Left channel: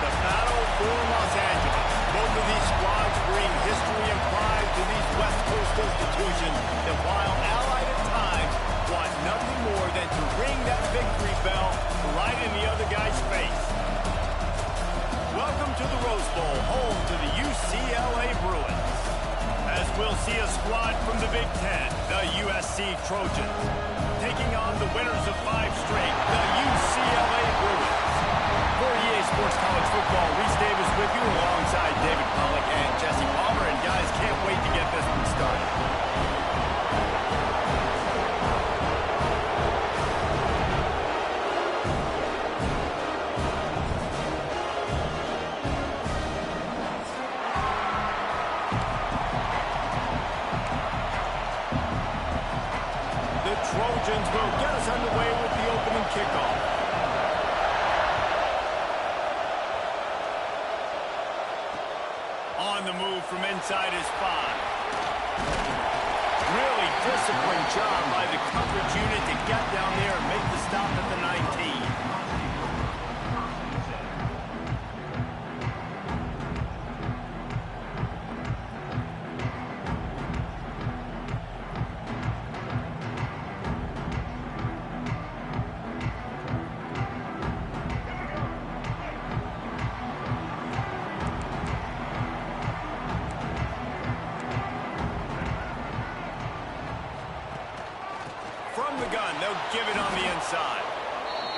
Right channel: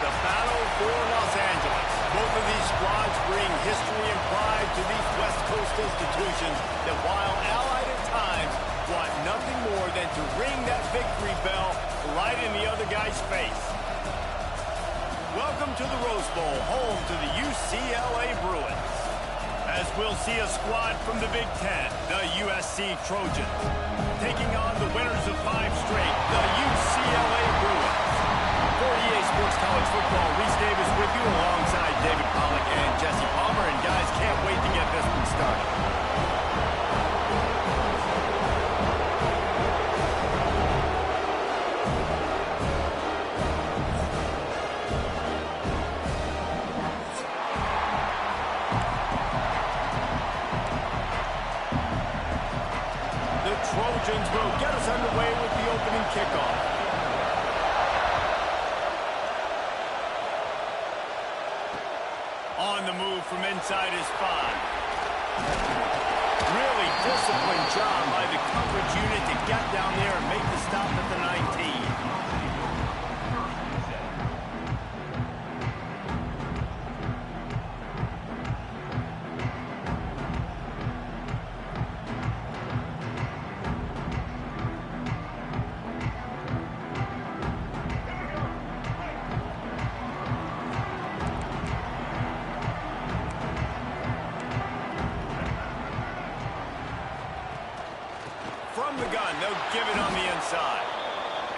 the battle for Los Angeles. Both of these squads bring history and pride to these West Coast institutions that, while allied at times, want nothing more than to ring that victory bell right in the other guy's face. Welcome to the Rose Bowl, home to the UCLA Bruins. As we'll see a squad from the Big Ten, the USC Trojans, taking on the winners of 5 straight, the UCLA Bruins. For EA Sports College Football, Reese Davis with you alongside David Pollack and Jesse Palmer. And guys, can't wait to get this one started. The Trojans will get us underway with the opening kickoff. On the move from inside his 5. Really disciplined job by the coverage unit to get down there and make the stop at the 19. From the gun, they'll give it on the inside.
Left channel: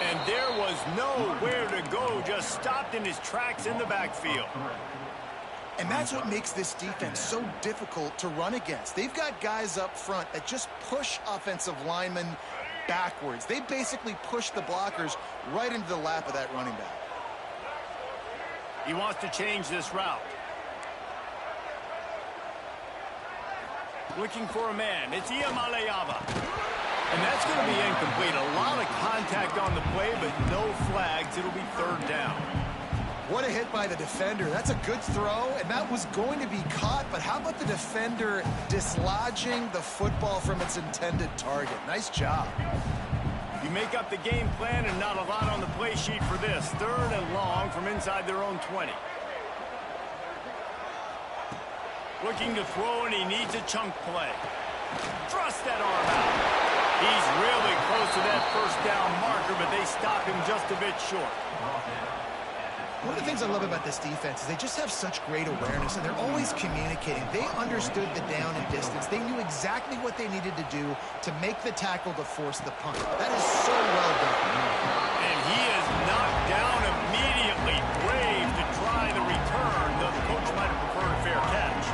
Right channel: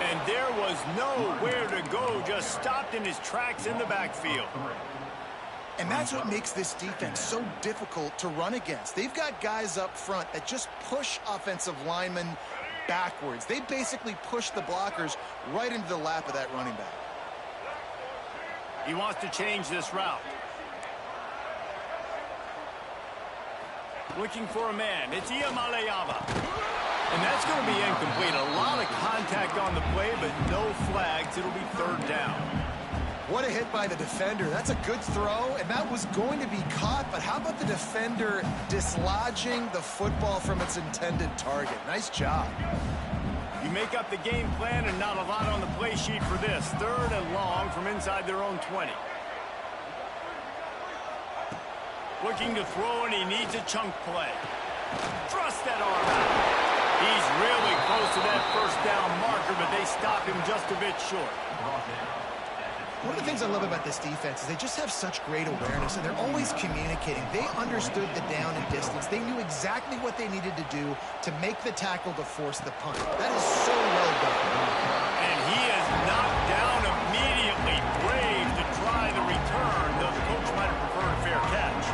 And there was nowhere to go, just stopped in his tracks in the backfield. And that's what makes this defense so difficult to run against. They've got guys up front that just push offensive linemen backwards. They basically push the blockers right into the lap of that running back. He wants to change this route. Looking for a man. It's Iamaleava. And that's going to be incomplete. A lot of contact on the play, but no flags. It'll be 3rd down. What a hit by the defender. That's a good throw, and that was going to be caught. But how about the defender dislodging the football from its intended target? Nice job. You make up the game plan and not a lot on the play sheet for this. 3rd and long from inside their own 20. Looking to throw, and he needs a chunk play. Thrust that arm out. He's really close to that 1st down marker, but they stop him just a bit short. One of the things I love about this defense is they just have such great awareness, and they're always communicating. They understood the down and distance. They knew exactly what they needed to do to make the tackle to force the punt. That is so well done. And he is knocked down immediately. Brave to try the return, though the coach might have preferred a fair catch.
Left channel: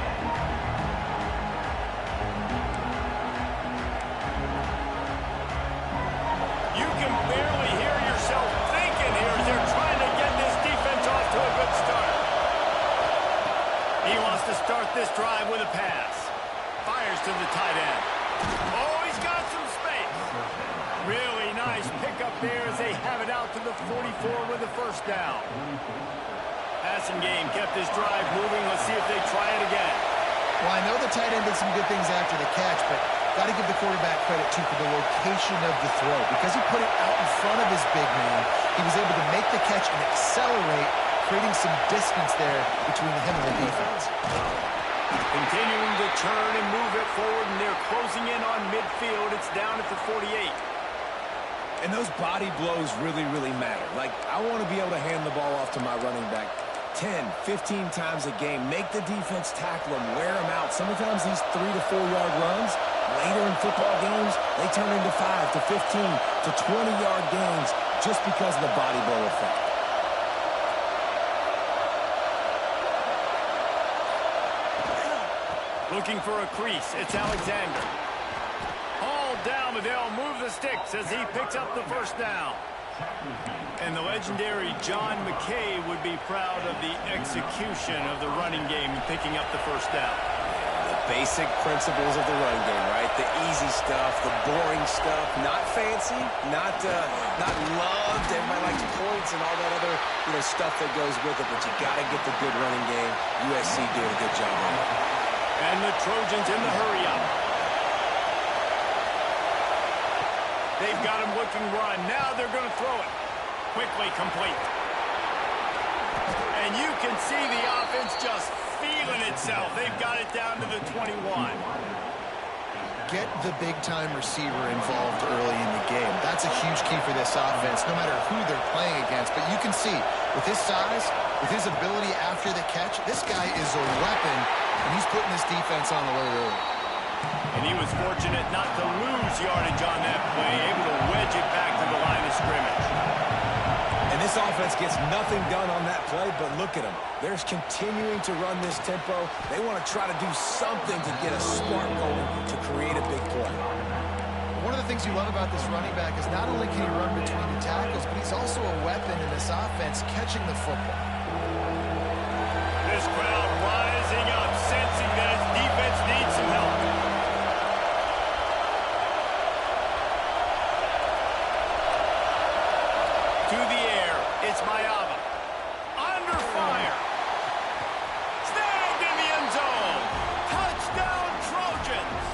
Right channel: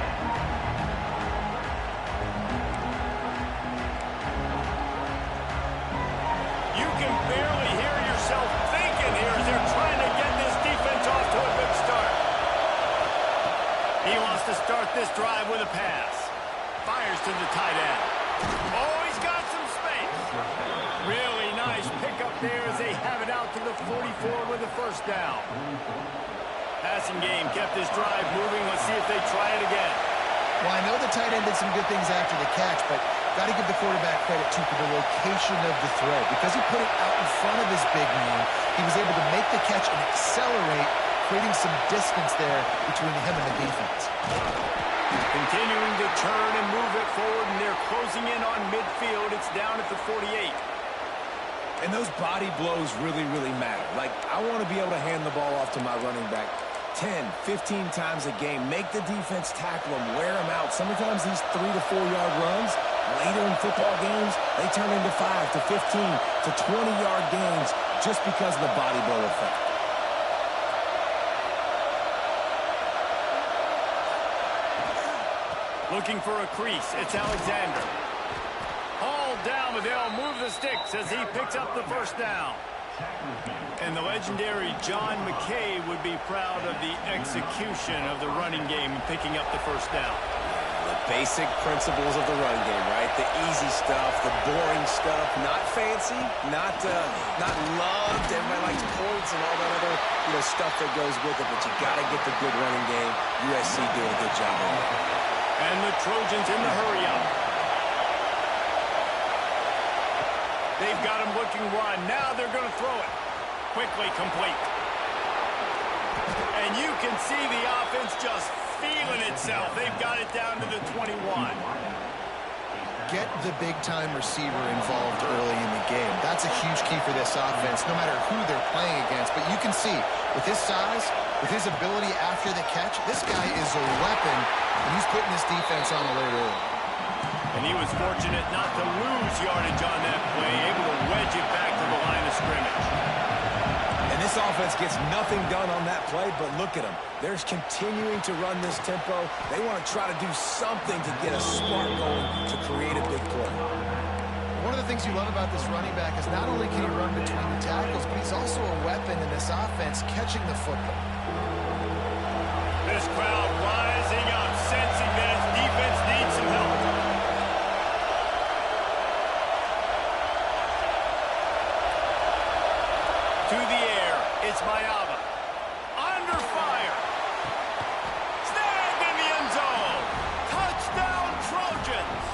You can barely hear yourself thinking here as they're trying to get this defense off to a good start. He wants to start this drive with a pass. Fires to the tight end. Oh, he's got some space. Really nice pickup there as they have it out to the 44 with a 1st down. Passing game kept this drive moving. Let's see if they try it again. Well, I know the tight end did some good things after the catch, but got to give the quarterback credit, too, for the location of the throw. Because he put it out in front of his big man, he was able to make the catch and accelerate, creating some distance there between him and the defense. Continuing to turn and move it forward, and they're closing in on midfield. It's down at the 48. And those body blows really, really matter. Like, I want to be able to hand the ball off to my running back 10, 15 times a game. Make the defense tackle them, wear them out. Sometimes these 3 to 4 yard runs, later in football games, they turn into 5 to 15 to 20 yard gains just because of the body blow effect. Looking for a crease. It's Alexander. Hauled down, but they'll move the sticks as he picks up the 1st down. And the legendary John McKay would be proud of the execution of the running game and picking up the 1st down. The basic principles of the run game, right? The easy stuff, the boring stuff, not fancy, not loved. Everybody likes points and all that other stuff that goes with it, but you got to get the good running game. USC doing a good job on it. And the Trojans in the hurry up. They've got him looking run. Now they're going to throw it. Quickly complete. And you can see the offense just feeling itself. They've got it down to the 21. Get the big-time receiver involved early in the game. That's a huge key for this offense, no matter who they're playing against. But you can see, with his size, with his ability after the catch, this guy is a weapon, and he's putting this defense on alert early. And he was fortunate not to lose yardage on that play, able to wedge it back to the line of scrimmage. And this offense gets nothing done on that play, but look at them. They're continuing to run this tempo. They want to try to do something to get a spark going to create a big play. One of the things you love about this running back is not only can he run between the tackles, but he's also a weapon in this offense catching the football. This crowd rising up, sensing that its defense needs some help. To the air, it's Mayava. Under fire. Snagged in the end zone. Touchdown, Trojans.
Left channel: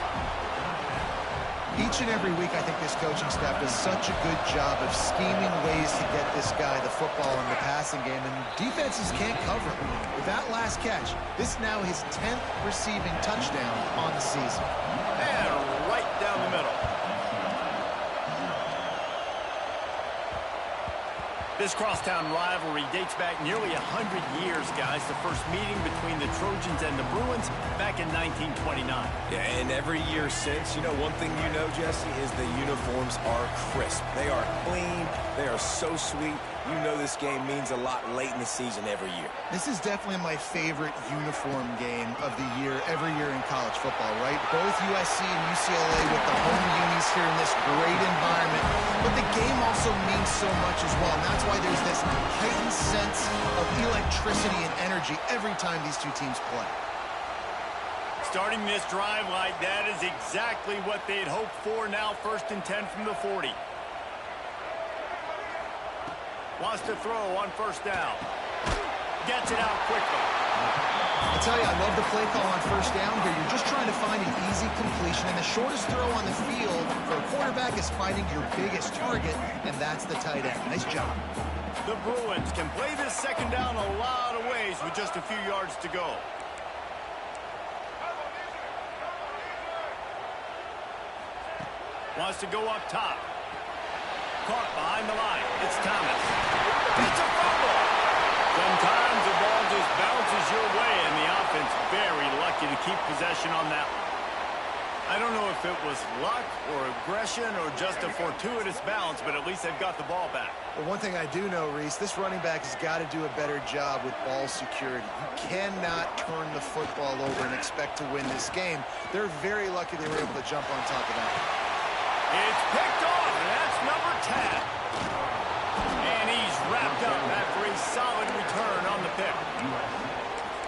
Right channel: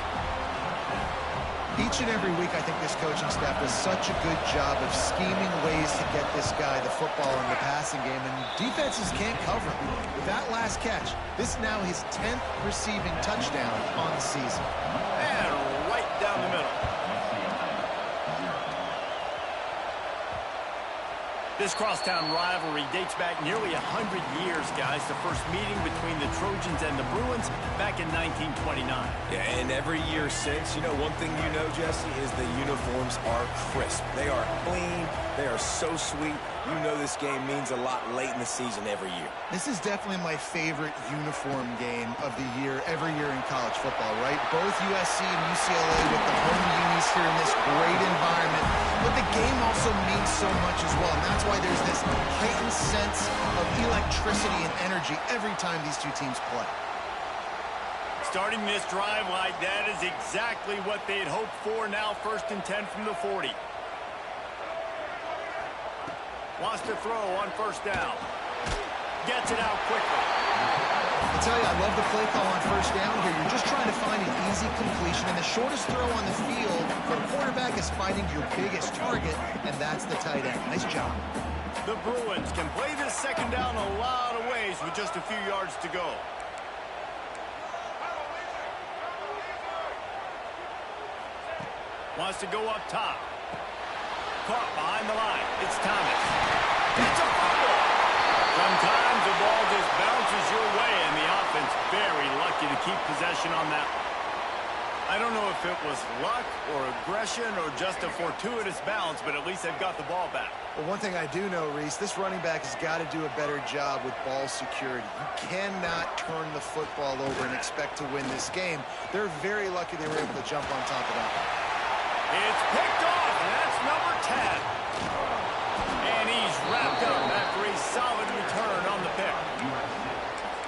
Each and every week, I think this coaching staff does such a good job of scheming ways to get this guy the football in the passing game, and defenses can't cover him. With that last catch, this is now his 10th receiving touchdown on the season. And right down the middle. This crosstown rivalry dates back nearly 100 years, guys. The first meeting between the Trojans and the Bruins back in 1929. Yeah, and every year since, you know, one thing you know, Jesse, is the uniforms are crisp. They are clean. They are so sweet. You know this game means a lot late in the season every year. This is definitely my favorite uniform game of the year, every year in college football, right? Both USC and UCLA with the home unis here in this great environment. But the game also means so much as well, and that's why there's this heightened sense of electricity and energy every time these two teams play. Starting this drive like that is exactly what they had hoped for. Now 1st and 10 from the 40. Wants to throw on 1st down. Gets it out quickly. I tell you, I love the play call on 1st down here. You're just trying to find an easy completion, and the shortest throw on the field for a quarterback is finding your biggest target, and that's the tight end. Nice job. The Bruins can play this 2nd down a lot of ways with just a few yards to go. Wants to go up top. Caught behind the line. It's Thomas. It's a fumble. Sometimes the ball just bounces your way, and the offense very lucky to keep possession on that one. I don't know if it was luck or aggression or just a fortuitous bounce, but at least they've got the ball back. Well, one thing I do know, Reese, this running back has got to do a better job with ball security. You cannot turn the football over and expect to win this game. They're very lucky they were able to jump on top of that. It's picked off, and that's number 10. And he's wrapped up after a solid return on the pick.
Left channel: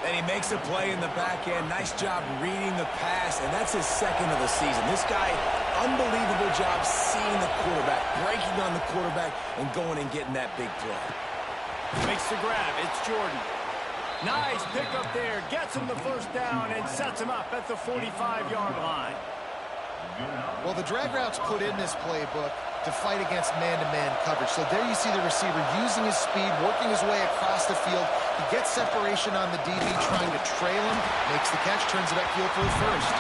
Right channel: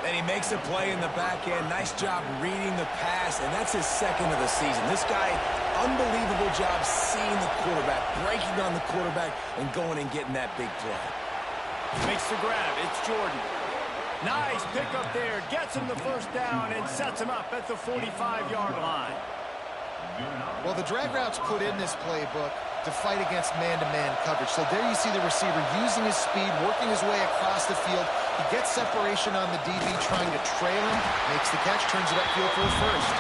And he makes a play in the back end. Nice job reading the pass, and that's his 2nd of the season. This guy, unbelievable job seeing the quarterback, breaking on the quarterback, and going and getting that big play. Makes the grab. It's Jordan. Nice pick up there. Gets him the 1st down and sets him up at the 45-yard line. Well, the drag routes put in this playbook to fight against man-to-man coverage. So there you see the receiver using his speed, working his way across the field. He gets separation on the DB trying to trail him, makes the catch, turns it upfield for the 1st.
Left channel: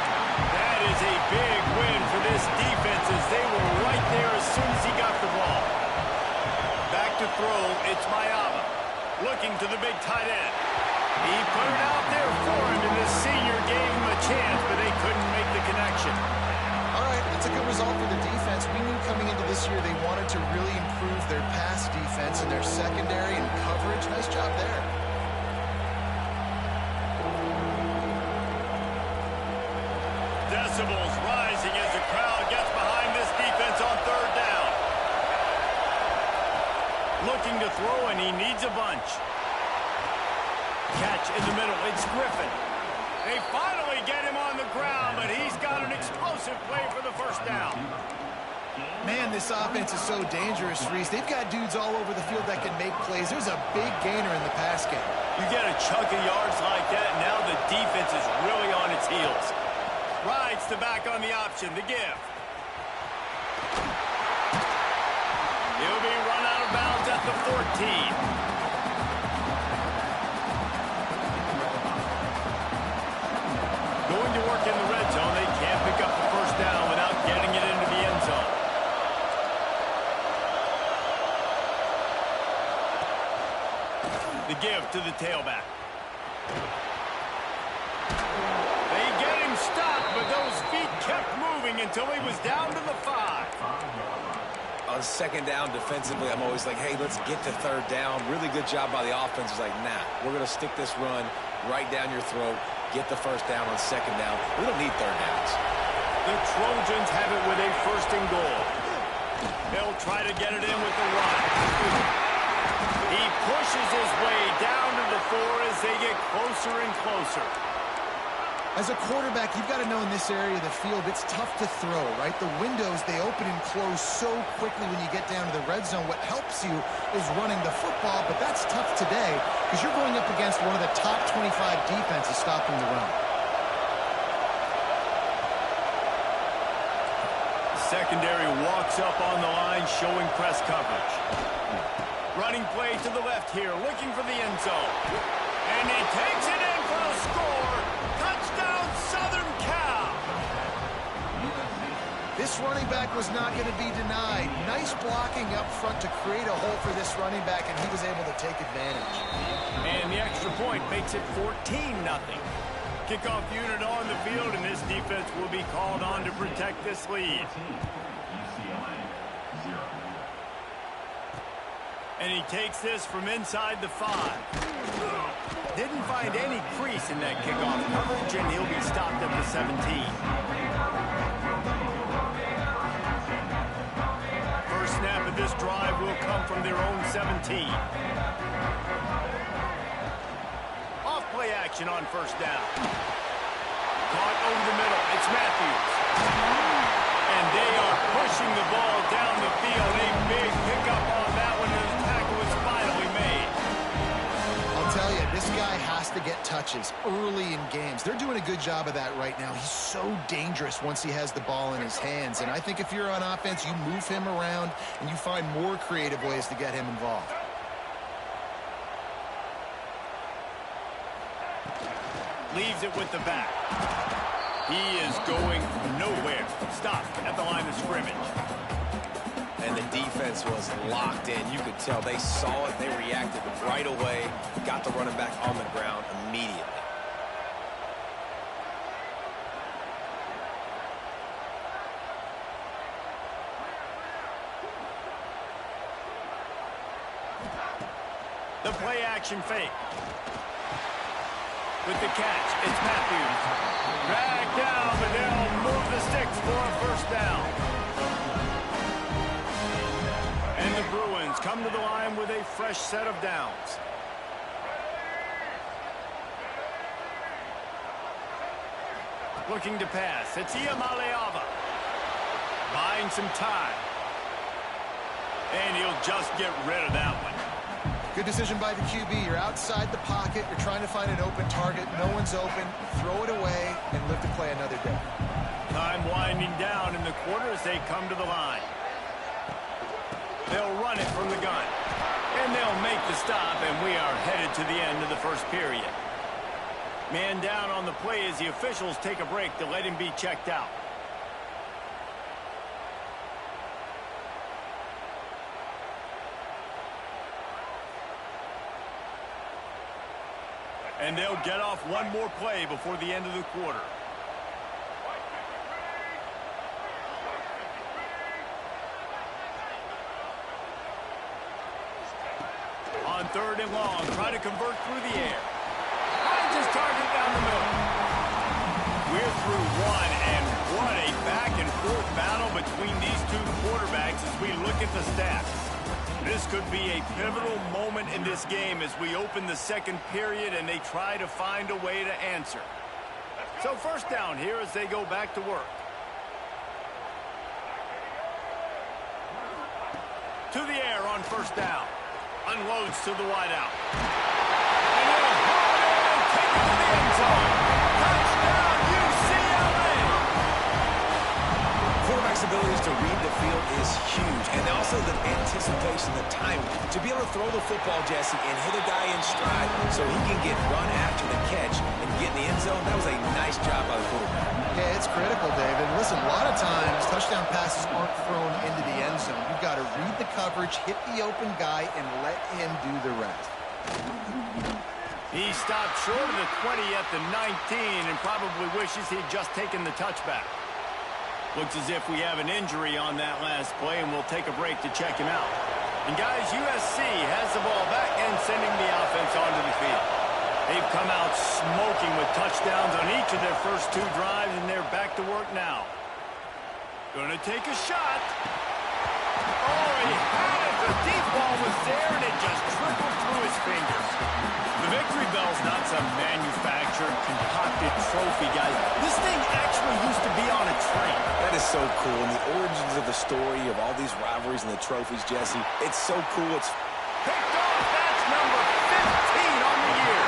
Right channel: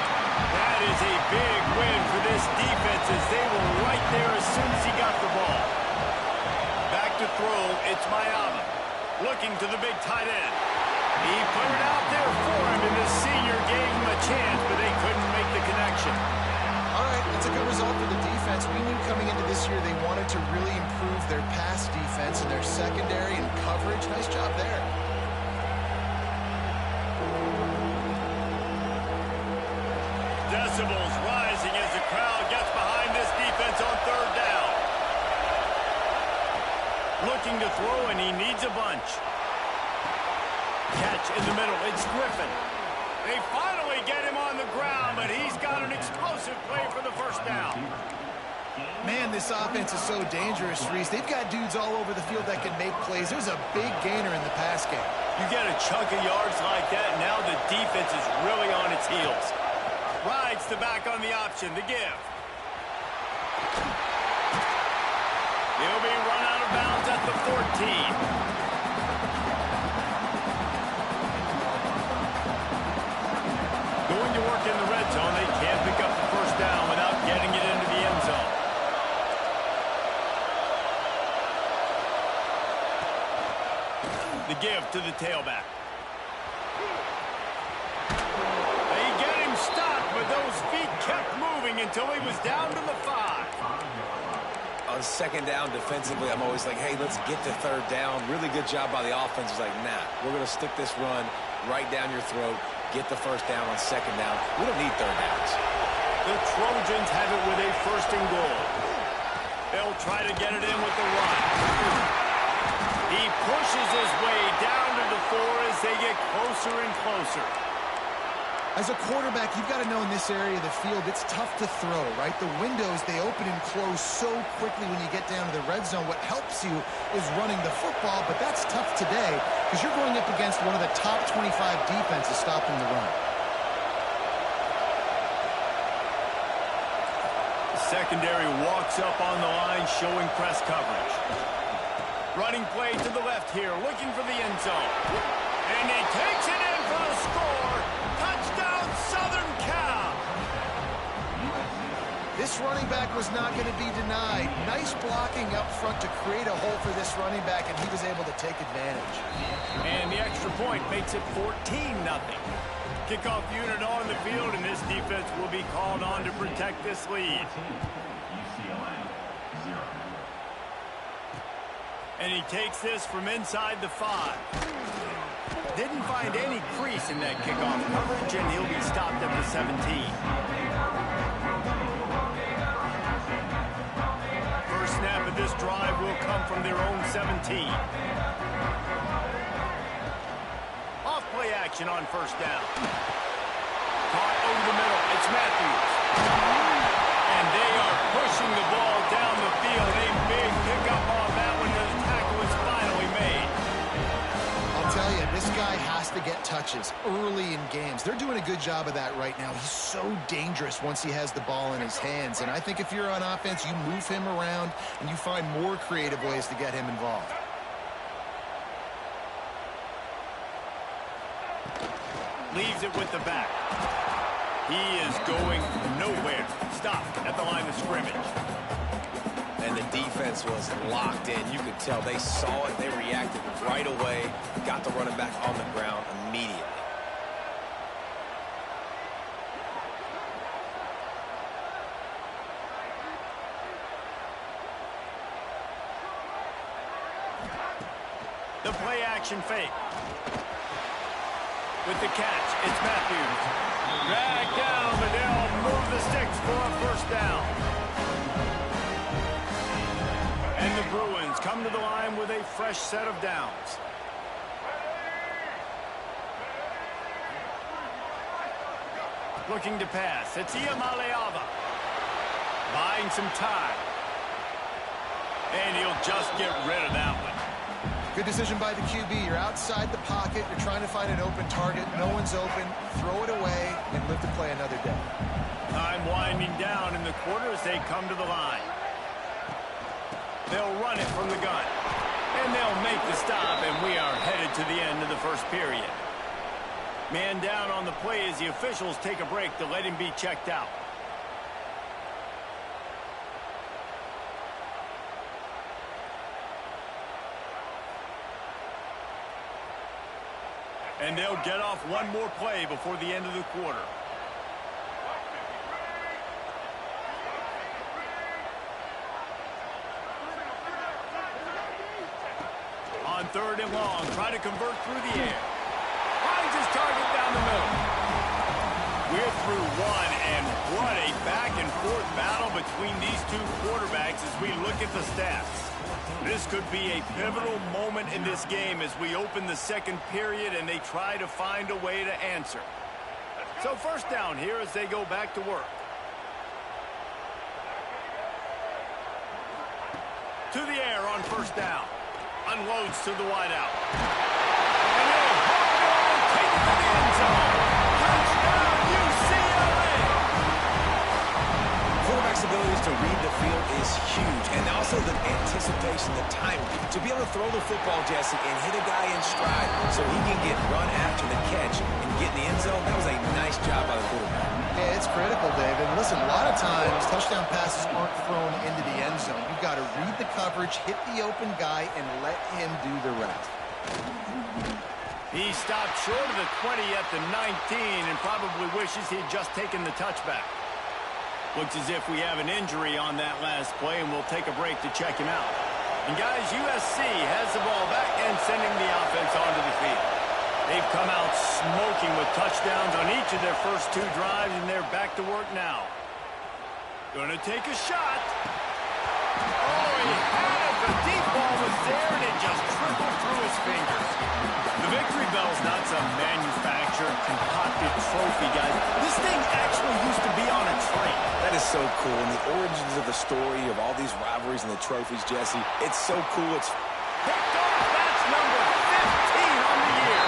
That is a big win for this defense as they were right there as soon as he got the ball. Back to throw, it's Mayava. Looking to the big tight end. He put it out there for him, and the senior gave him a chance, but they couldn't make the connection. All right, that's a good result for the defense. We knew coming into this year they wanted to really improve their pass defense and their secondary and coverage. Nice job there. Decibels rising as the crowd gets behind this defense on 3rd down. Looking to throw, and he needs a bunch. Catch in the middle. It's Griffin. They finally get him on the ground, but he's got an explosive play for the 1st down. Man, this offense is so dangerous, Reese. They've got dudes all over the field that can make plays. There's a big gainer in the pass game. You get a chunk of yards like that, now the defense is really on its heels. Rides the back on the option, the give. He'll be run out of bounds at the 14. to work in the red zone. They can't pick up the first down without getting it into the end zone. The give to the tailback. They get him stopped, but those feet kept moving until he was down to the 5. On second down defensively, I'm always like, hey, let's get to third down. Really good job by the offense. It's like, nah, we're going to stick this run right down your throat, get the first down on second down. We don't need third downs. The Trojans have it with a first and goal. They'll try to get it in with the run. He pushes his way down to the 4 as they get closer and closer. As a quarterback, you've got to know in this area of the field, it's tough to throw, right? The windows, they open and close so quickly when you get down to the red zone. What helps you is running the football, but that's tough today because you're going up against one of the top 25 defenses stopping the run. The secondary walks up on the line, showing press coverage. Running play to the left here, looking for the end zone. And he takes it in for the score. Touchdown, Southern Cal. This running back was not going to be denied. Nice blocking up front to create a hole for this running back, and he was able to take advantage. And the extra point makes it 14-0. Kickoff unit on the field, and this defense will be called on to protect this lead. And he takes this from inside the 5. Didn't find any crease in that kickoff coverage, and he'll be stopped at the 17. First snap of this drive will come from their own 17. Off play action on first down. Caught over the middle. It's Matthews. And they are pushing the ball down the field. A big pickup on that one, and the tackle is finally made. I'll tell you, this guy has to get touches early in games. They're doing a good job of that right now. He's so dangerous once he has the ball in his hands. And I think if you're on offense, you move him around and you find more creative ways to get him involved. Leaves it with the back. He is going nowhere. Stop at the line of scrimmage. And the defense was locked in. You could tell they saw it. They reacted right away. Got the running back on the ground immediately. The play action fake. With the catch, it's Matthews. Dragged down, but they'll move the sticks for a first down. And the Bruins come to the line with a fresh set of downs. Looking to pass. It's Iamaleava. Buying some time. And he'll just get rid of that one. Good decision by the QB. You're outside the pocket. You're trying to find an open target. No one's open. Throw it away and live to play another day. Time winding down in the quarter as they come to the line. They'll run it from the gun. And they'll make the stop, and we are headed to the end of the first period. Man down on the play as the officials take a break to let him be checked out. And they'll get off one more play before the end of the quarter. On third and long, try to convert through the air. Finds his target down the middle. We're through one, and what a back-and-forth battle between these two quarterbacks as we look at the stats. This could be a pivotal moment in this game as we open the second period and they try to find a way to answer. So first down here as they go back to work. To the air on first down. Unloads to the wideout. And he'll haul it in and take it to the end zone. Touchdown, UCLA! quarterback's abilities to read the field is huge, and also the anticipation, the timing. To be able to throw the football, Jesse, and hit a guy in stride so he can get run after the catch and get in the end zone, that was a nice job by the quarterback. Yeah, it's critical, David. Listen, a lot of times touchdown passes aren't thrown into the end zone. You've got to read the coverage, hit the open guy, and let him do the rest. He stopped short of the 20 at the 19 and probably wishes he'd just taken the touchback. Looks as if we have an injury on that last play, and we'll take a break to check him out. And guys, USC has the ball back and sending the offense onto the field. They've come out smoking with touchdowns on each of their first 2 drives, and they're back to work now. Gonna take a shot. Oh, he had it. The deep ball was there, and it just trickled through his fingers. The victory bell's not some manufactured, concocted trophy, guys. This thing actually used to be on a train. That is so cool, and the origins of the story of all these rivalries and the trophies, Jesse, it's so cool. It's picked off. That's number 15 on the year.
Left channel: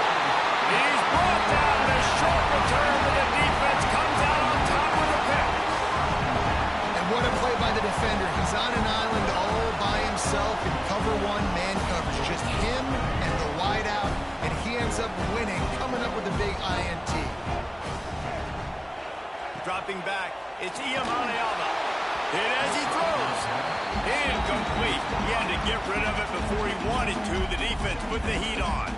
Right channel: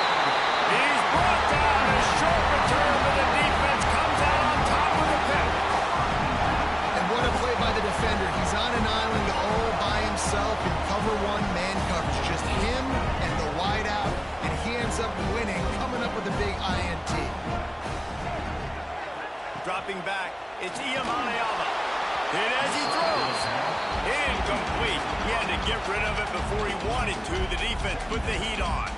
He's brought down. A short return, but the defense comes out on top with a pick. And what a play by the defender. He's on an island all by himself in cover 1 man coverage. Just him and the wideout, and he ends up winning, coming up with a big INT. Dropping back, it's Iyamaleava. Hit as he throws. Incomplete. He had to get rid of it before he wanted to. The defense put the heat on.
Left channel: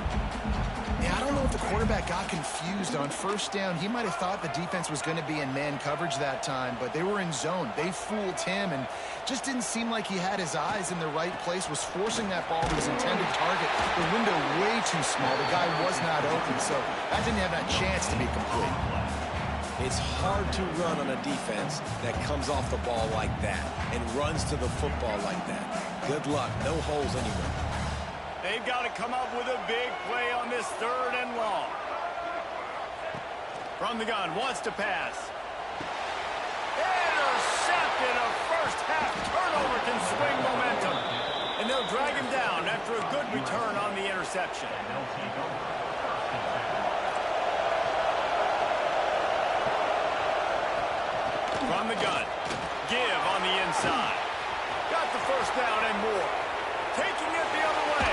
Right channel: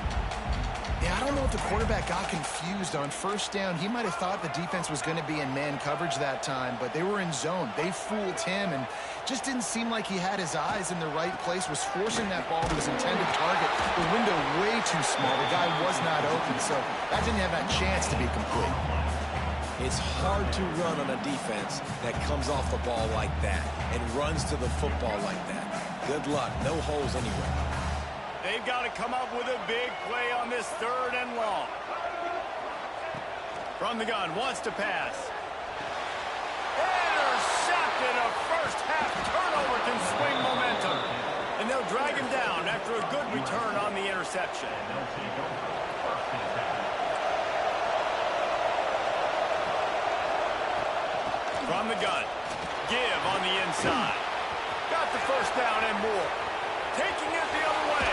Yeah, I don't know if the quarterback got confused on first down. He might have thought the defense was going to be in man coverage that time, but they were in zone. They fooled him and just didn't seem like he had his eyes in the right place, was forcing that ball to his intended target. The window way too small. The guy was not open, so that didn't have that chance to be complete. It's hard to run on a defense that comes off the ball like that and runs to the football like that. Good luck. No holes anywhere. They've got to come up with a big play on this 3rd and long. From the gun, wants to pass. Intercepted. A first-half turnover can swing momentum. And they'll drag him down after a good return on the interception. From the gun, give on the inside. Got the first down and more. Taking it the other way.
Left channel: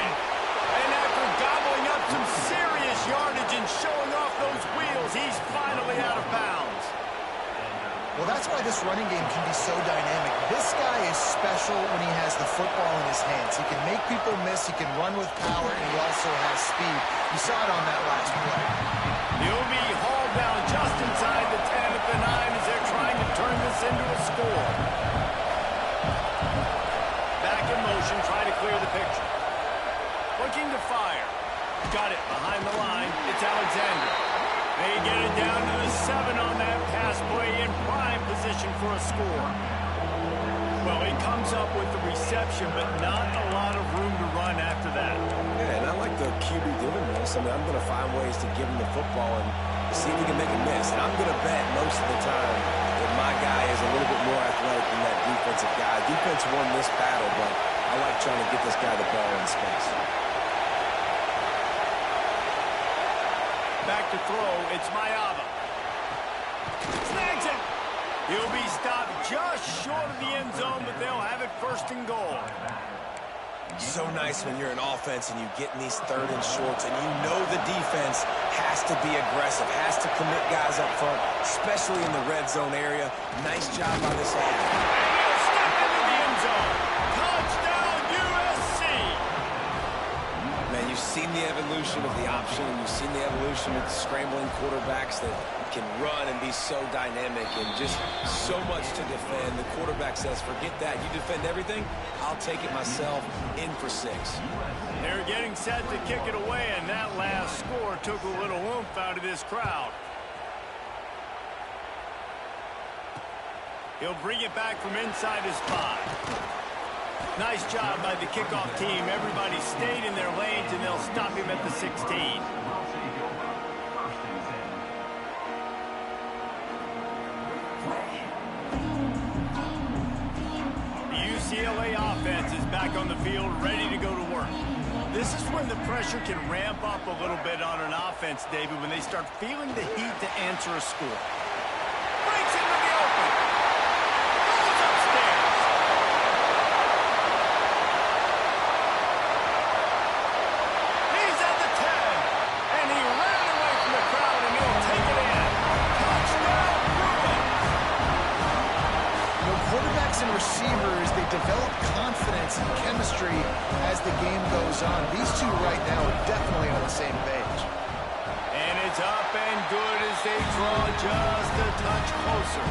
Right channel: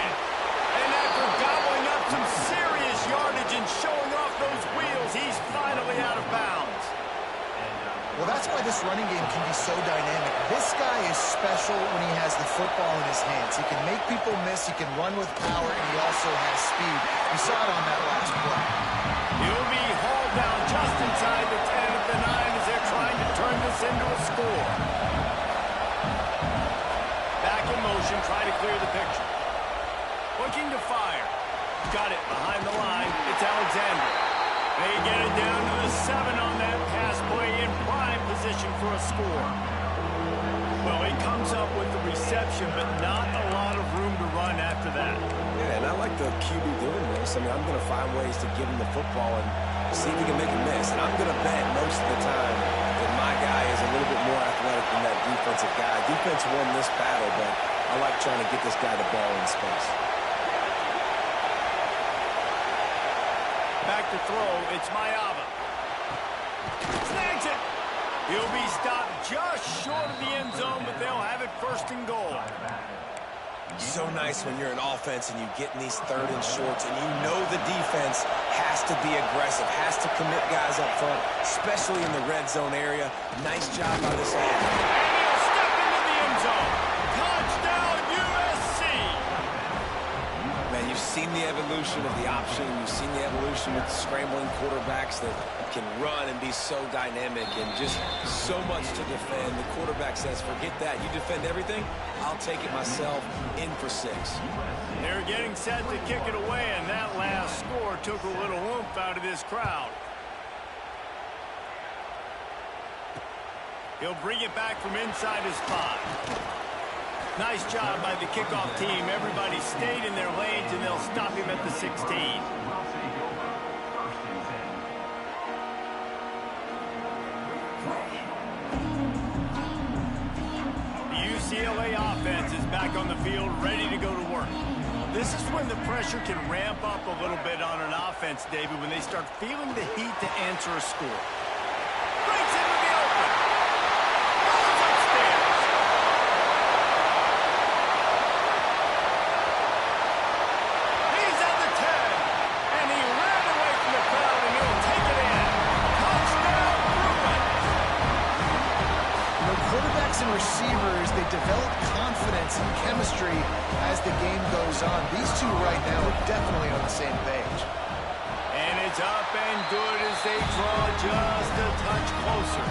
And after gobbling up some serious yardage and showing off those wheels, he's finally out of bounds. Well, that's why this running game can be so dynamic. This guy is special when he has the football in his hands. He can make people miss, he can run with power, and he also has speed. You saw it on that last play. He'll be hauled down just inside the 10 at the 9 as they're trying to turn this into a score. Back in motion, trying to clear the picture. Looking to fire. Got it behind the line. It's Alexander. They get it down to the 7 on that pass play in prime position for a score. Well, he comes up with the reception, but not a lot of room to run after that. Yeah, and I like the QB doing this. I mean, I'm going to find ways to give him the football and see if he can make a miss. And I'm going to bet most of the time that my guy is a little bit more athletic than that defensive guy. Defense won this battle, but I like trying to get this guy the ball in space. Back to throw, it's Mayava. Snags it. He'll be stopped just short of the end zone, but they'll have it 1st and goal. So nice when you're an offense and you get in these 3rd and shorts and you know the defense has to be aggressive, has to commit guys up front, especially in the red zone area. Nice job by this offense. And he'll step into the end zone. Touchdown, USC. Man, you've seen the evolution of the option, and you've seen the evolution with scrambling quarterbacks that can run and be so dynamic and just so much to defend. The quarterback says, forget that. You defend everything, I'll take it myself. In for 6. They're getting set to kick it away, and that last score took a little oomph out of this crowd. He'll bring it back from inside his 5. Nice job by the kickoff team. Everybody stayed in their lanes, and they'll stop him at the 16. UCLA offense is back on the field, ready to go to work. This is when the pressure can ramp up a little bit on an offense, David, when they start feeling the heat to answer a score. Breaks into the open. Goes receivers, they develop confidence and chemistry as the game goes on. These two right now are definitely on the same page. And it's up and good as they draw just a touch closer.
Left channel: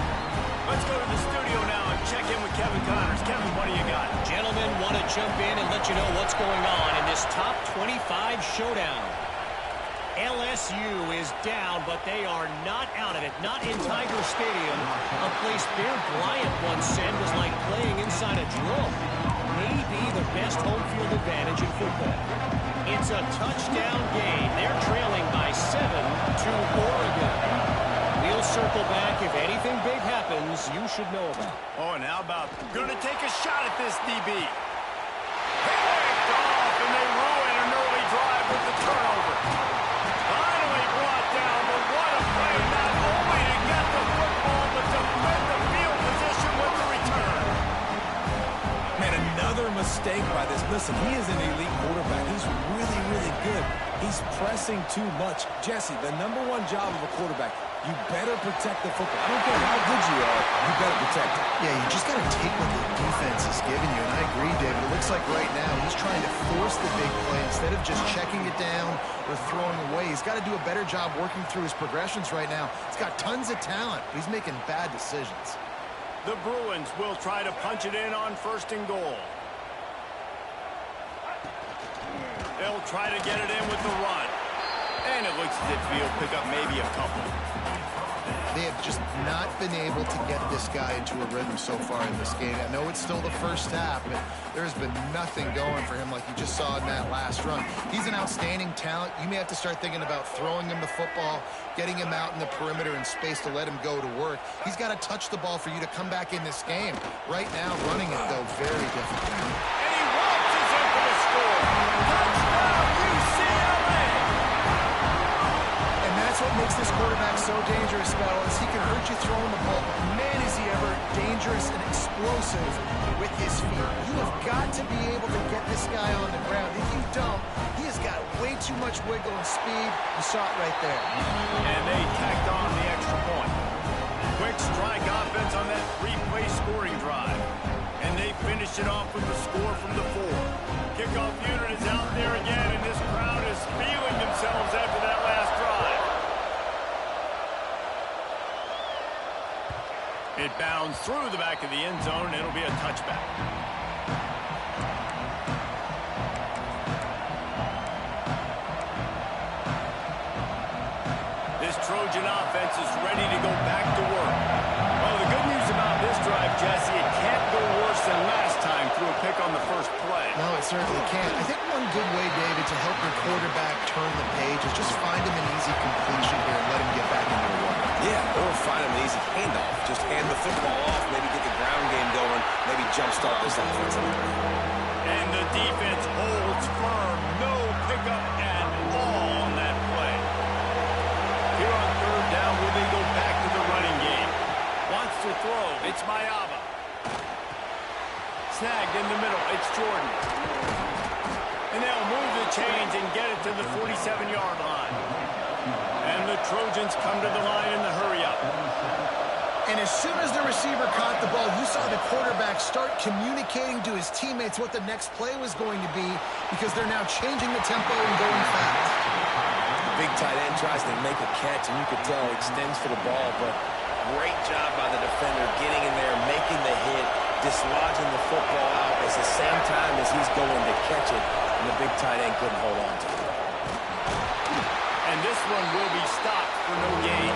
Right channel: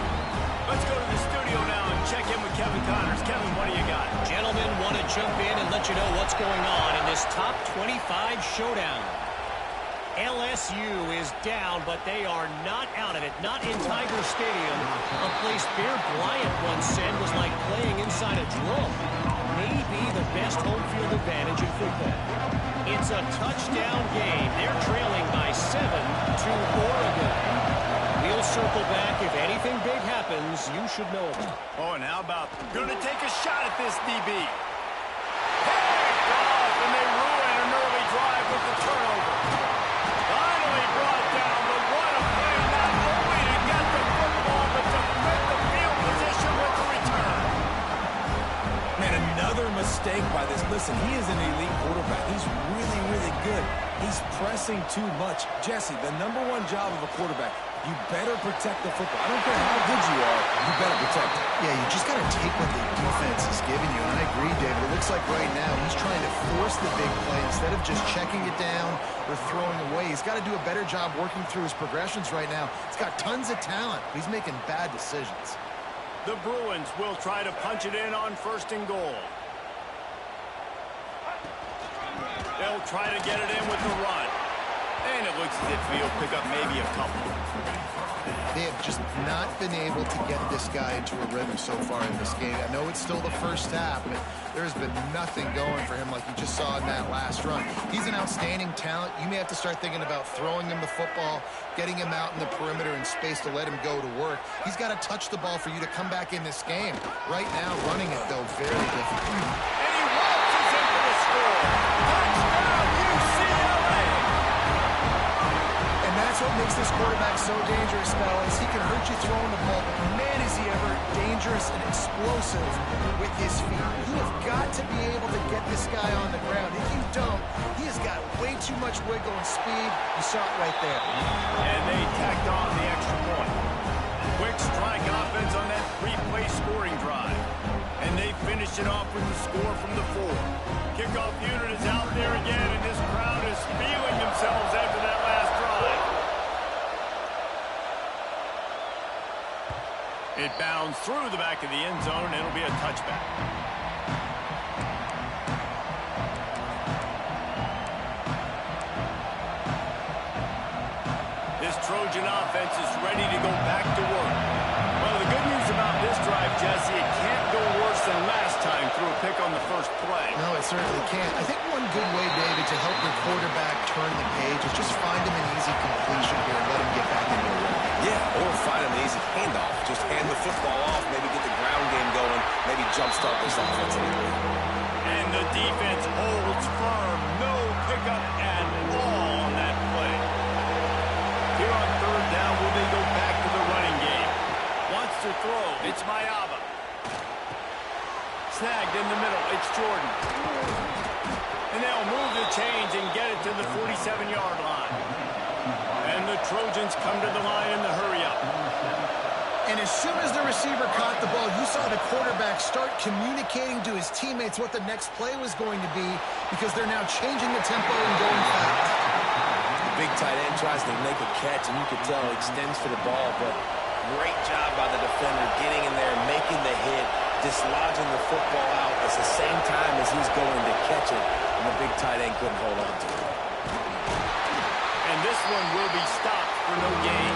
Let's go to the studio now and check in with Kevin Connors. Kevin, what do you got? Gentlemen, want to jump in and let you know what's going on in this top 25 showdown. LSU is down, but they are not out of it. Not in Tiger Stadium, a place Bear Bryant once said was like playing inside a drum. Maybe the best home field advantage in football. It's a touchdown game. They're trailing by 7 to Oregon. We'll circle back if anything big happens you should know about. Oh, and how about going to take a shot at this DB. Picked off, and they ruin an early drive with the turnover. Finally brought down, but what a play, not only to get the football, but to defend the field position with the return. Man, another mistake by this. Listen, he is an elite quarterback. He's really, really good. He's pressing too much. Jesse, the #1 job of a quarterback, you better protect the football. I don't care how good you are, you better protect it. Yeah, you just got to take what the defense is giving you. And I agree, David. It looks like right now he's trying to force the big play instead of just checking it down or throwing away. He's got to do a better job working through his progressions right now. He's got tons of talent, but he's making bad decisions. The Bruins will try to punch it in on 1st and goal. They'll try to get it in with the run. And it looks as if he'll pick up maybe a couple. They have just not been able to get this guy into a rhythm so far in this game. I know it's still the first half, but there's been nothing going for him like you just saw in that last run. He's an outstanding talent. You may have to start thinking about throwing him the football, getting him out in the perimeter in space to let him go to work. He's got to touch the ball for you to come back in this game. Right now, running it, though, very difficult. And he waltzes in for the score. Touchdown, UCLA! And that's what makes this quarterback so dangerous, fellas. He can hurt you throwing the ball, but man, is he ever dangerous and explosive with his feet. You have got to be able to get this guy on the ground. If you don't, he has got way too much wiggle and speed. You saw it right there. And they tacked on the extra point. Quick strike offense on that 3-play scoring drive. And they finish it off with the score from the 4. Kickoff unit is out there again, and this crowd is feeling themselves after that last drive. It bounds through the back of the end zone, and it'll be a touchback. This Trojan offense is ready to go back to work. Well, the good news about this drive, Jesse, it can't go worse than last time through a pick on the first play. No, it certainly can't. I think one good way, David, to help your quarterback turn the page is just find him an easy completion here and let him get back into a run. Yeah, or find him an easy handoff. Just hand the football off, maybe get the ground game going, maybe jumpstart this offensive area. And the defense holds firm. No pickup at all on that play. Here on 3rd down, will they go back to the running game? Wants to throw. It's Mayaba. Snagged in the middle. It's Jordan. And they'll move the chains and get it to the 47-yard line. And the Trojans come to the line in the hurry-up. And as soon as the receiver caught the ball, you saw the quarterback start communicating to his teammates what the next play was going to be because they're now changing the tempo and going fast. The big tight end tries to make a catch, and you could tell he extends for the ball, but great job by the defender getting in there, making the hit, dislodging the football out at the same time as he's going to catch it, and the big tight end couldn't hold on to it. And this one will be stopped for no gain.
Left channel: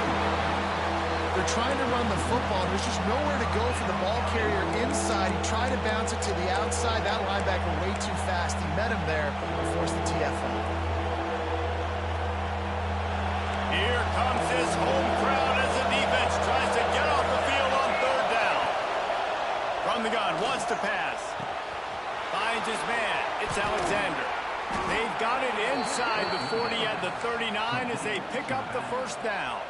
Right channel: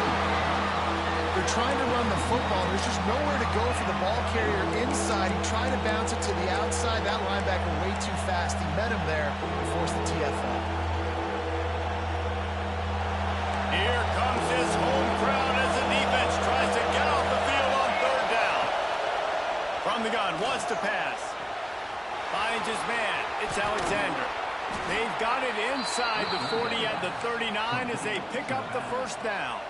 They're trying to run the football. There's just nowhere to go for the ball carrier inside. He tried to bounce it to the outside. That linebacker way too fast. He met him there and forced the TFL. Here comes his home crowd as the defense tries to get off the field on 3rd down. From the gun, wants to pass. Finds his man. It's Alexander. They've got it inside the 40 at the 39 as they pick up the 1st down.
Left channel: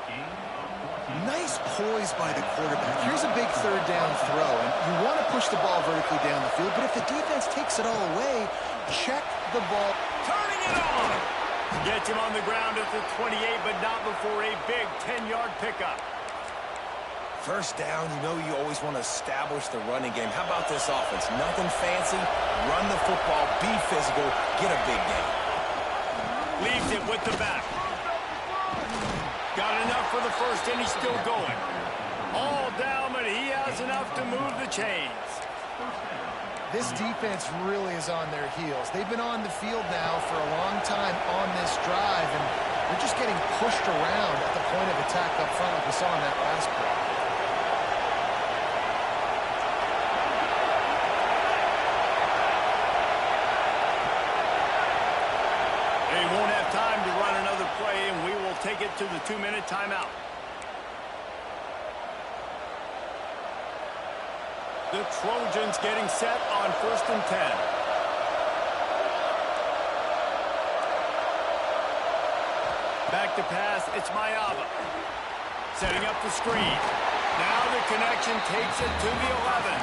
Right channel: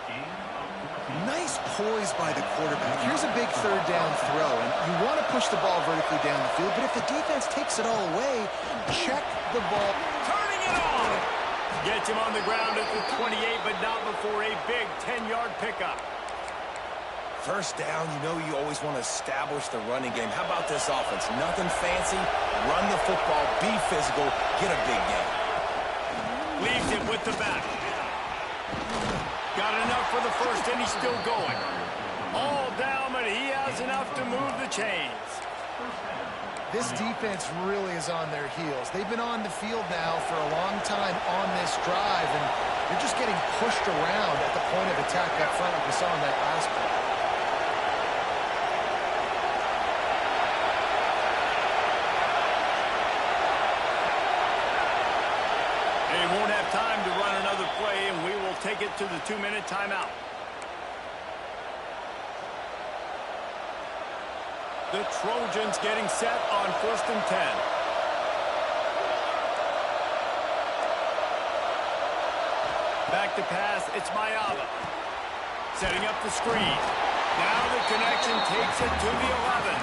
Nice poise by the quarterback. Here's a big 3rd down throw, and you want to push the ball vertically down the field, but if the defense takes it all away, check the ball. Turning it on. Gets him on the ground at the 28, but not before a big 10-yard pickup. First down, you know you always want to establish the running game. How about this offense? Nothing fancy. Run the football, be physical, get a big game. Leaves it with the back. Got enough for the first, and he's still going. All down, but he has enough to move the chains. This defense really is on their heels. They've been on the field now for a long time on this drive, and they're just getting pushed around at the point of attack up front like we saw in that last play. They won't have time to run another play, and we will take it to the 2-minute timeout. The Trojans getting set on 1st and 10. Back to pass, it's Mayava. Setting up the screen. Now the connection takes it to the 11.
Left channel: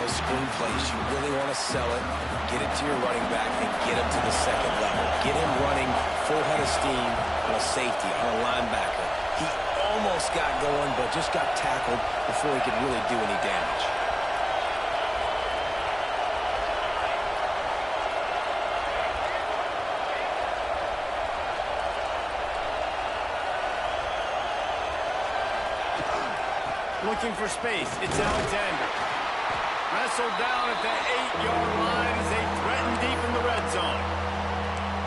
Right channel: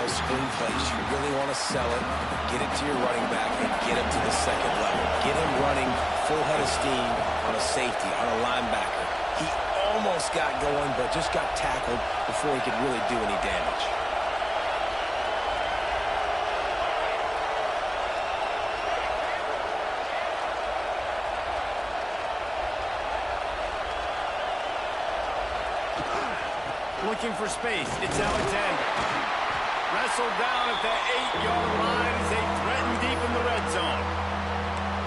Those screen plays, you really want to sell it, get it to your running back, and get him to the second level. Get him running full head of steam on a safety, on a linebacker. He almost got going, but just got tackled before he could really do any damage. Looking for space, it's Alexander. Wrestled down at the 8-yard line as they threaten deep in the red zone.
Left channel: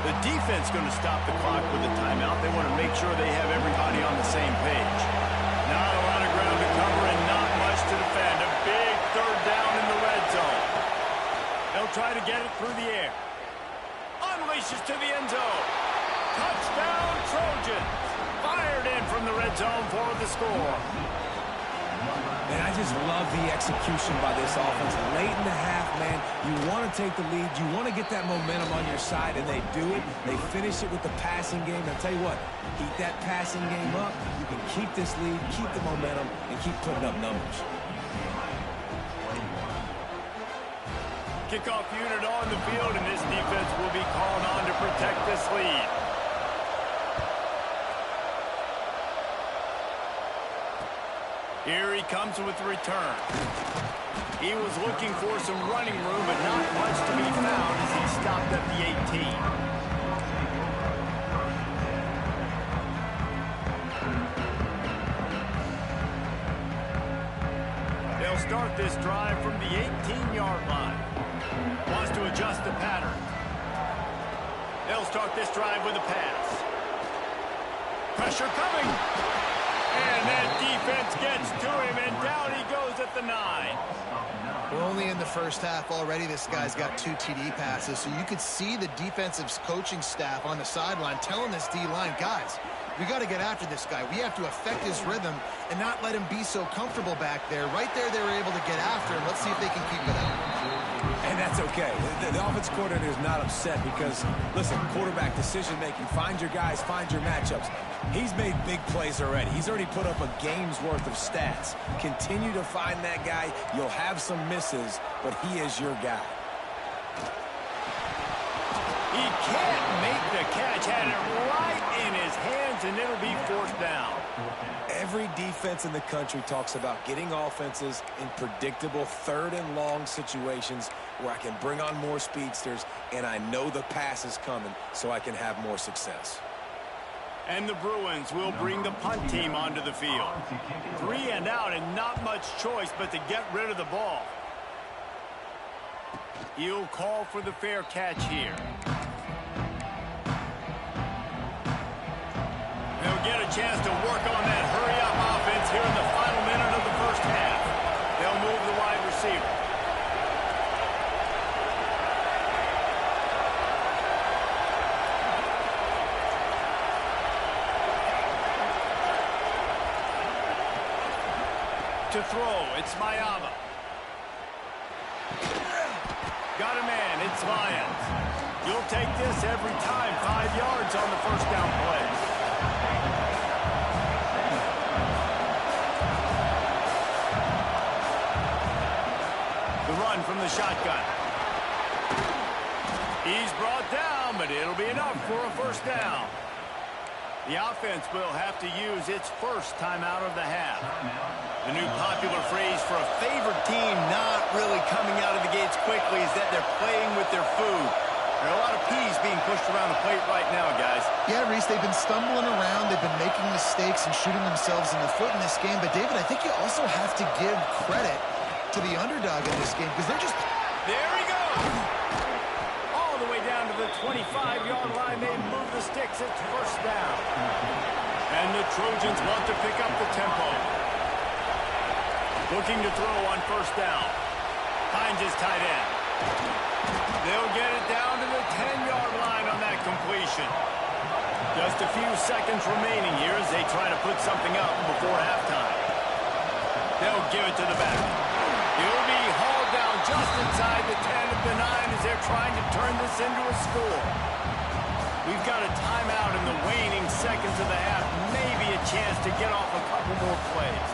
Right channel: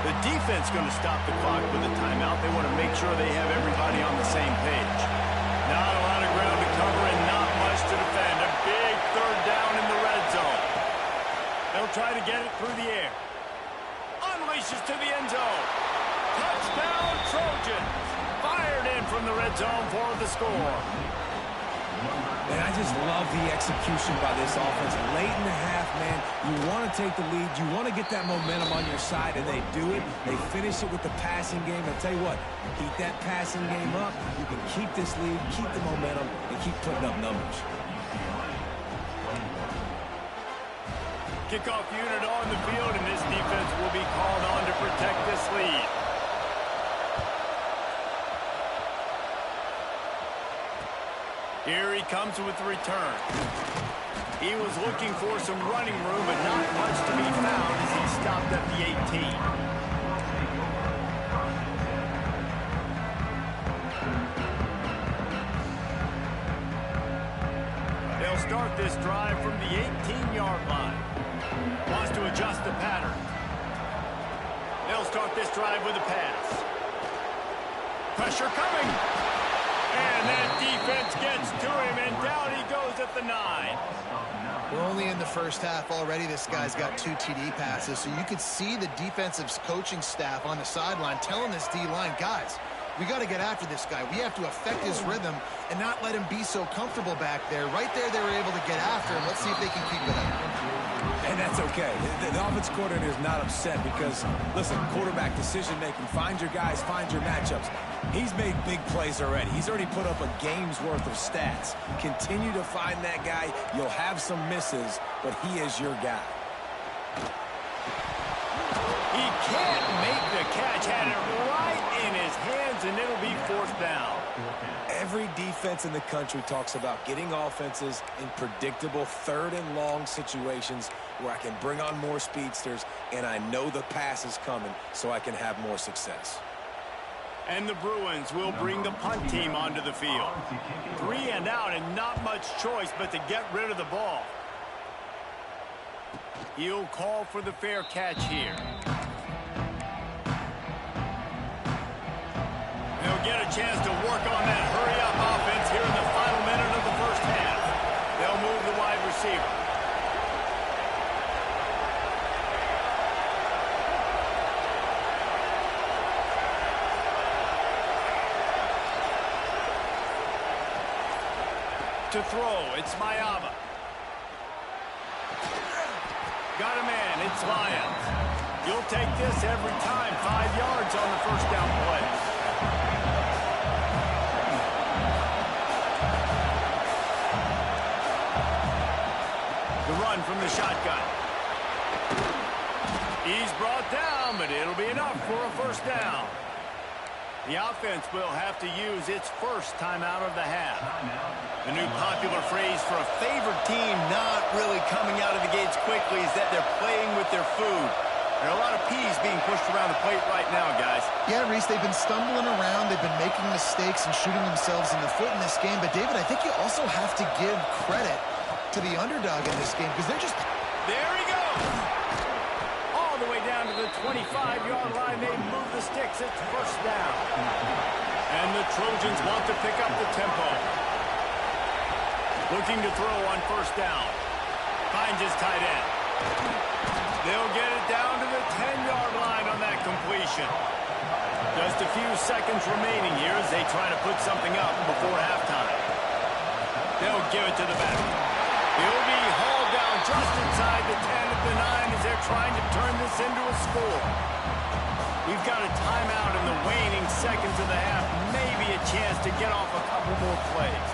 The defense going to stop the clock with a timeout. They want to make sure they have everybody on the same page. Not a lot of ground to cover and not much to defend. A big 3rd down in the red zone. They'll try to get it through the air. Unleashes to the end zone. Touchdown Trojans. Fired in from the red zone for the score. And I just love the execution by this offense. Late in the half, man, you want to take the lead. You want to get that momentum on your side, and they do it. They finish it with the passing game. I'll tell you what, keep that passing game up. You can keep this lead, keep the momentum, and keep putting up numbers. Kickoff unit on the field, and this defense will be called on to protect this lead. Here he comes with the return. He was looking for some running room, but not much to be found as he stopped at the 18. They'll start this drive from the 18-yard line. Wants to adjust the pattern. They'll start this drive with a pass. Pressure coming. And that defense gets to him, and down he goes at the 9. We're only in the first half already. This guy's got 2 TD passes, so you could see the defensive coaching staff on the sideline telling this D-line, guys, we got to get after this guy. We have to affect his rhythm and not let him be so comfortable back there. Right there, they were able to get after him. Let's see if they can keep it up. And that's okay. The offense coordinator is not upset because, listen, quarterback decision-making, find your guys, find your matchups. He's made big plays already. He's already put up a game's worth of stats. Continue to find that guy. You'll have some misses, but he is your guy. He can't make the catch. Had it right in his hands, and it'll be 4th down. Every defense in the country talks about getting offenses in predictable 3rd and long situations where I can bring on more speedsters, and I know the pass is coming so I can have more success. And the Bruins will bring the punt team onto the field. 3 and out, and not much choice but to get rid of the ball. He'll call for the fair catch here. They'll get a chance to work on that hurry-up offense here in the final minute of the first half. They'll move the wide receiver. To throw, it's Mayava. Got a man, it's Lions. You'll take this every time. 5 yards on the first down play. The run from the shotgun. He's brought down, but it'll be enough for a first down. The offense will have to use its first timeout of the half. The new popular phrase for a favored team not really coming out of the gates quickly is that they're playing with their food. There are a lot of peas being pushed around the plate right now, guys. Yeah, Reese, they've been stumbling around. They've been making mistakes and shooting themselves in the foot in this game. But, David, I think you also have to give credit to the underdog in this game because they're just... There he goes! All the way down to the 25-yard line. They move the sticks. It's first down. And the Trojans want to pick up the tempo. Looking to throw on first down. Finds his tight end. They'll get it down to the 10-yard line on that completion. Just a few seconds remaining here as they try to put something up before halftime. They'll give it to the back. He'll be hauled down just inside the 10 of the 9 as they're trying to turn this into a score. We've got a timeout in the waning seconds of the half. Maybe a chance to get off a couple more plays.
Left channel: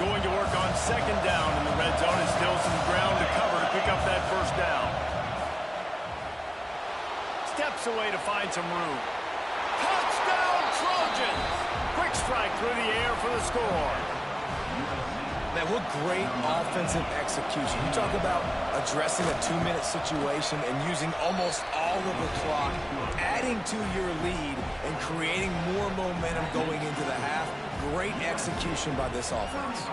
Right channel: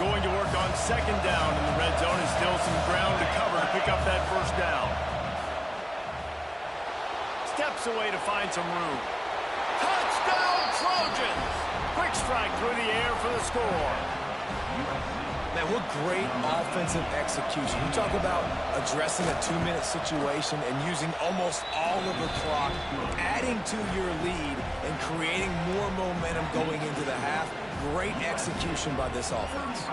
Going to work on second down in the red zone, and still some ground to cover to pick up that first down. Steps away to find some room. Touchdown, Trojans! Quick strike through the air for the score. Man, what great offensive execution. You talk about addressing a 2-minute situation and using almost all of the clock, adding to your lead and creating more momentum going into the half. Great execution by this offense.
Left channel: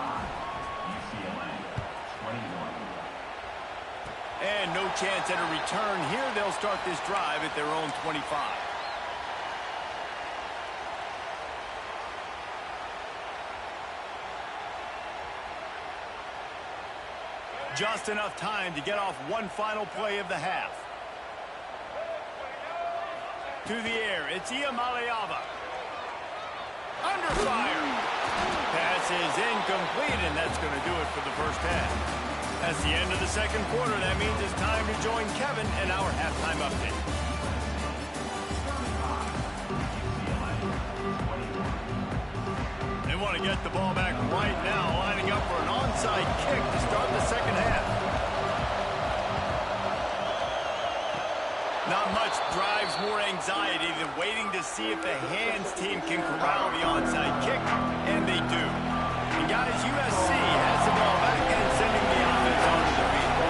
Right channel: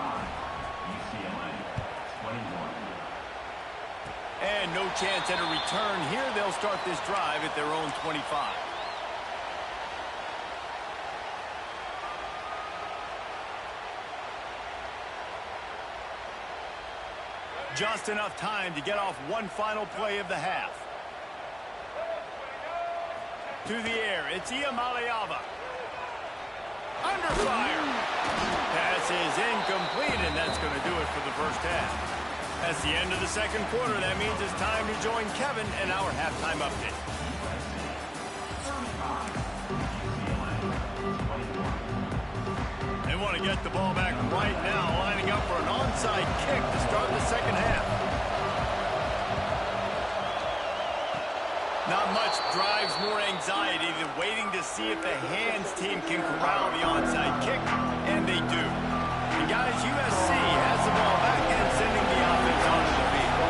And no chance at a return here. They'll start this drive at their own 25. Just enough time to get off one final play of the half. To the air, it's Iamaleava. Under fire. Pass is incomplete, and that's going to do it for the first half. That's the end of the second quarter. That means it's time to join Kevin and our halftime update. They want to get the ball back right now, lining up for an onside kick to start the second half. Not much drives more anxiety than waiting to see if the hands team can corral the onside kick, and they do. And guys, USC has the ball back and sending the offense onto the field.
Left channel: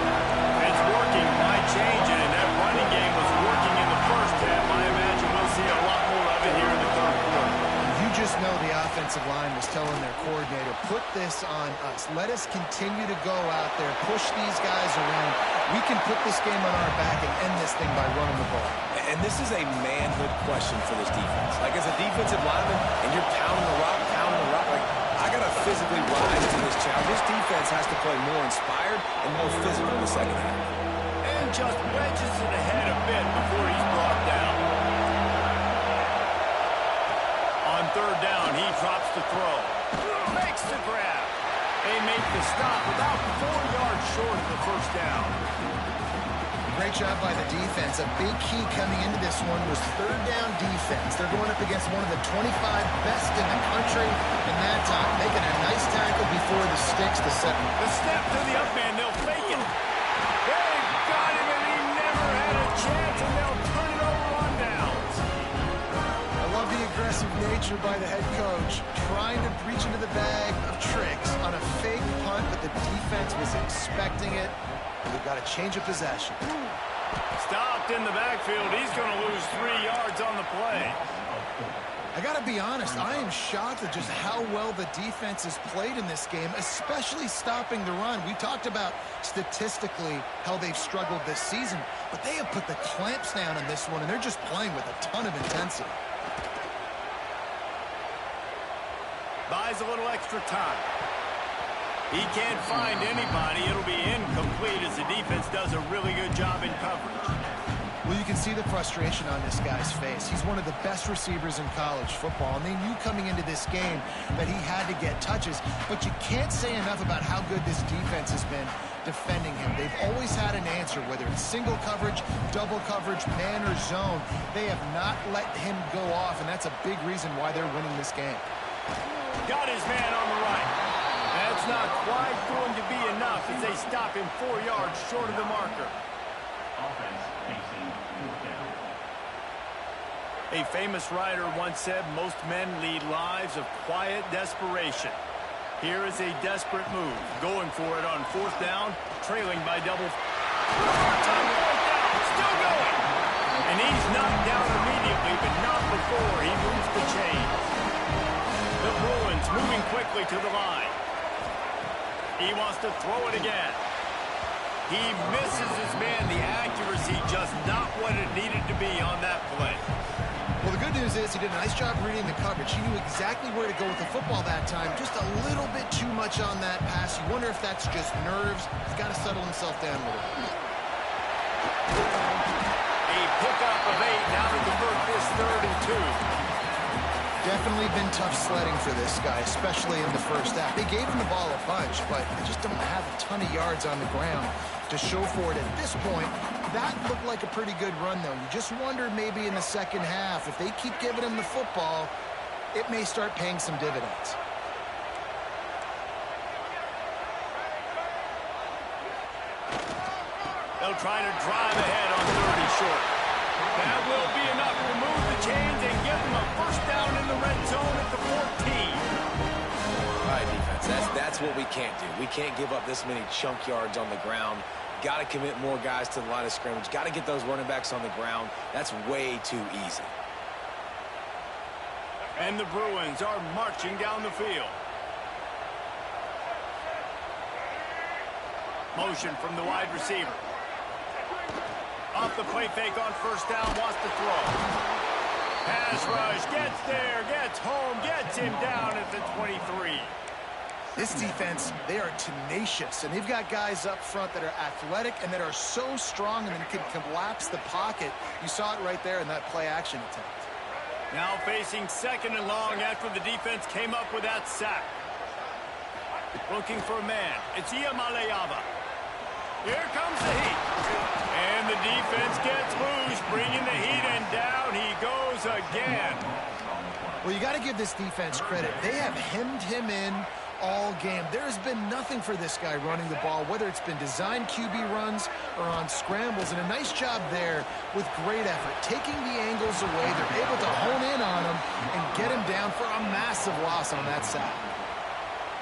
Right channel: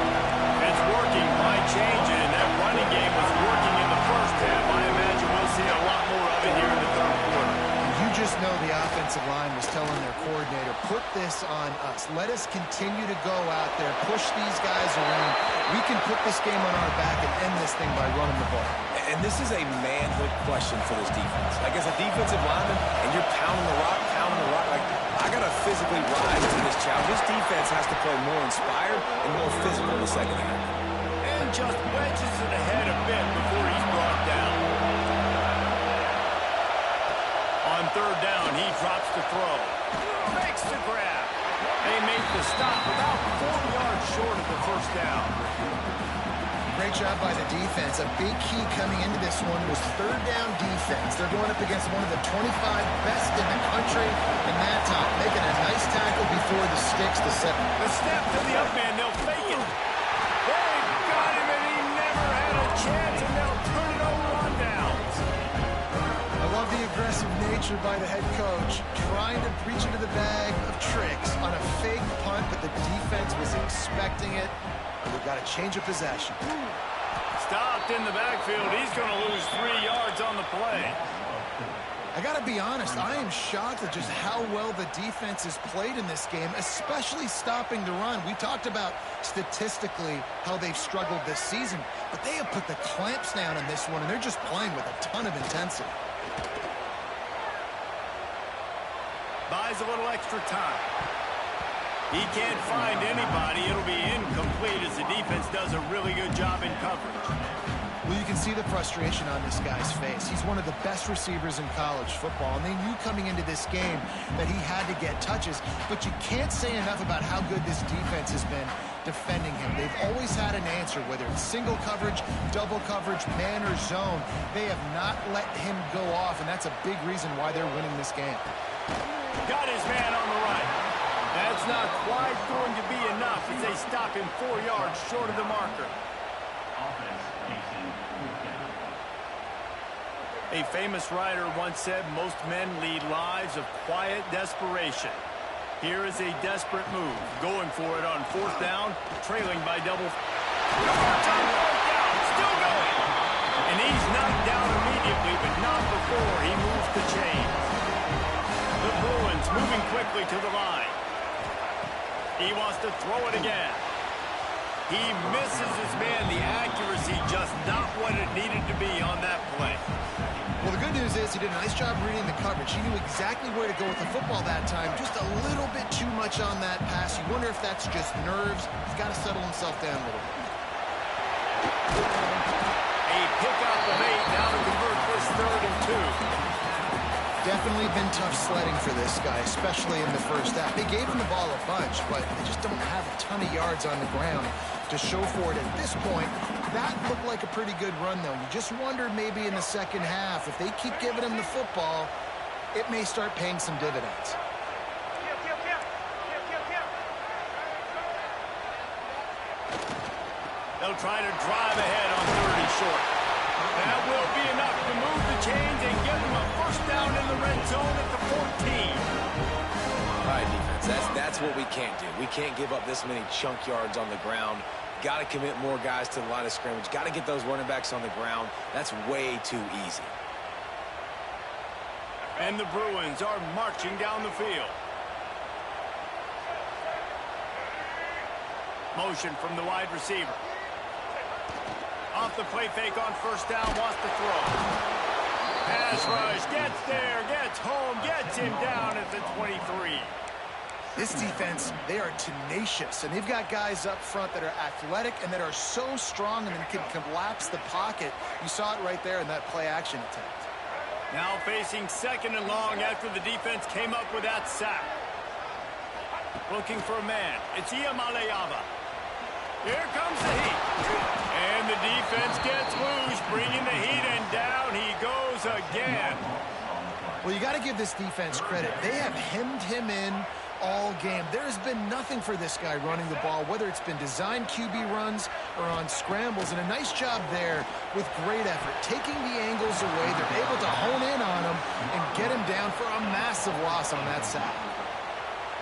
It's working. Why change it? And that running game was working in the first half. I imagine we'll see a lot more of it here in the third quarter. You just know the offensive line was telling their coordinator, put this on us. Let us continue to go out there, push these guys around. We can put this game on our back and end this thing by running the ball. And this is a manhood question for this defense. Like, as a defensive lineman, and you're pounding the rock, like, I got to physically rise to this challenge. This defense has to play more inspired and more physical in the second half. And just wedges it ahead a bit before he's brought down. On third down, he drops to throw. Makes the grab. They make the stop about 4 yards short of the first down. Great job by the defense. A big key coming into this one was third down defense. They're going up against one of the 25 best in the country in that time, making a nice tackle before the sticks to set. The step to the up man, they'll fake it. They've got him, and he never had a chance, and they'll turn it over on downs. I love the aggressive nature by the head coach, trying to reach into the bag of tricks on a fake punt, but the defense was expecting it. We've got a change of possession. Stopped in the backfield. He's going to lose 3 yards on the play. I got to be honest, I am shocked at just how well the defense has played in this game, especially stopping the run. We talked about statistically how they've struggled this season, but they have put the clamps down in this one, and they're just playing with a ton of intensity. Buys a little extra time. He can't find anybody. It'll be incomplete as the defense does a really good job in coverage. Well, you can see the frustration on this guy's face. He's one of the best receivers in college football, and they knew coming into this game that he had to get touches, but you can't say enough about how good this defense has been defending him. They've always had an answer, whether it's single coverage, double coverage, man or zone. They have not let him go off, and that's a big reason why they're winning this game. Got his man on the right. That's not quite going to be enough as they stop him 4 yards short of the marker. Offense facing fourth down. A famous writer once said most men lead lives of quiet desperation. Here is a desperate move, going for it on 4th down, trailing by double. Converts on 4th down, still going. And he's knocked down immediately, but not before he moves the chains. The Bruins moving quickly to the line. He wants to throw it again. He misses his man. The accuracy just not what it needed to be on that play. Well, the good news is he did a nice job reading the coverage. He knew exactly where to go with the football that time. Just a little bit too much on that pass. You wonder if that's just nerves. He's got to settle himself down a little bit. A pickup of 8 now to convert this 3rd and 2. Definitely been tough sledding for this guy, especially in the first half. They gave him the ball a bunch, but they just don't have a ton of yards on the ground to show for it at this point. That looked like a pretty good run, though. You just wonder maybe in the second half, if they keep giving him the football, it may start paying some dividends. They'll try to drive ahead on 3rd and short. That will be enough to move the chains and give them a 1st down in the red zone at the 14. All right, defense, that's what we can't do. We can't give up this many chunk yards on the ground. Got to commit more guys to the line of scrimmage. Got to get those running backs on the ground. That's way too easy. And the Bruins are marching down the field. Motion from the wide receiver. Off the play fake on 1st down, wants to throw. Pass rush, gets there, gets home, gets him down at the 23. This defense, they are tenacious, and they've got guys up front that are athletic and that are so strong and then can collapse the pocket. You saw it right there in that play-action attempt. Now facing 2nd and long after the defense came up with that sack. Looking for a man. It's Iamaleava. Here comes the heat. And the defense gets loose, bringing the heat, and down he goes again. Well, you got to give this defense credit. They have hemmed him in all game. There has been nothing for this guy running the ball, whether it's been designed QB runs or on scrambles, and a nice job there with great effort. Taking the angles away, they're able to hone in on him and get him down for a massive loss on that sack.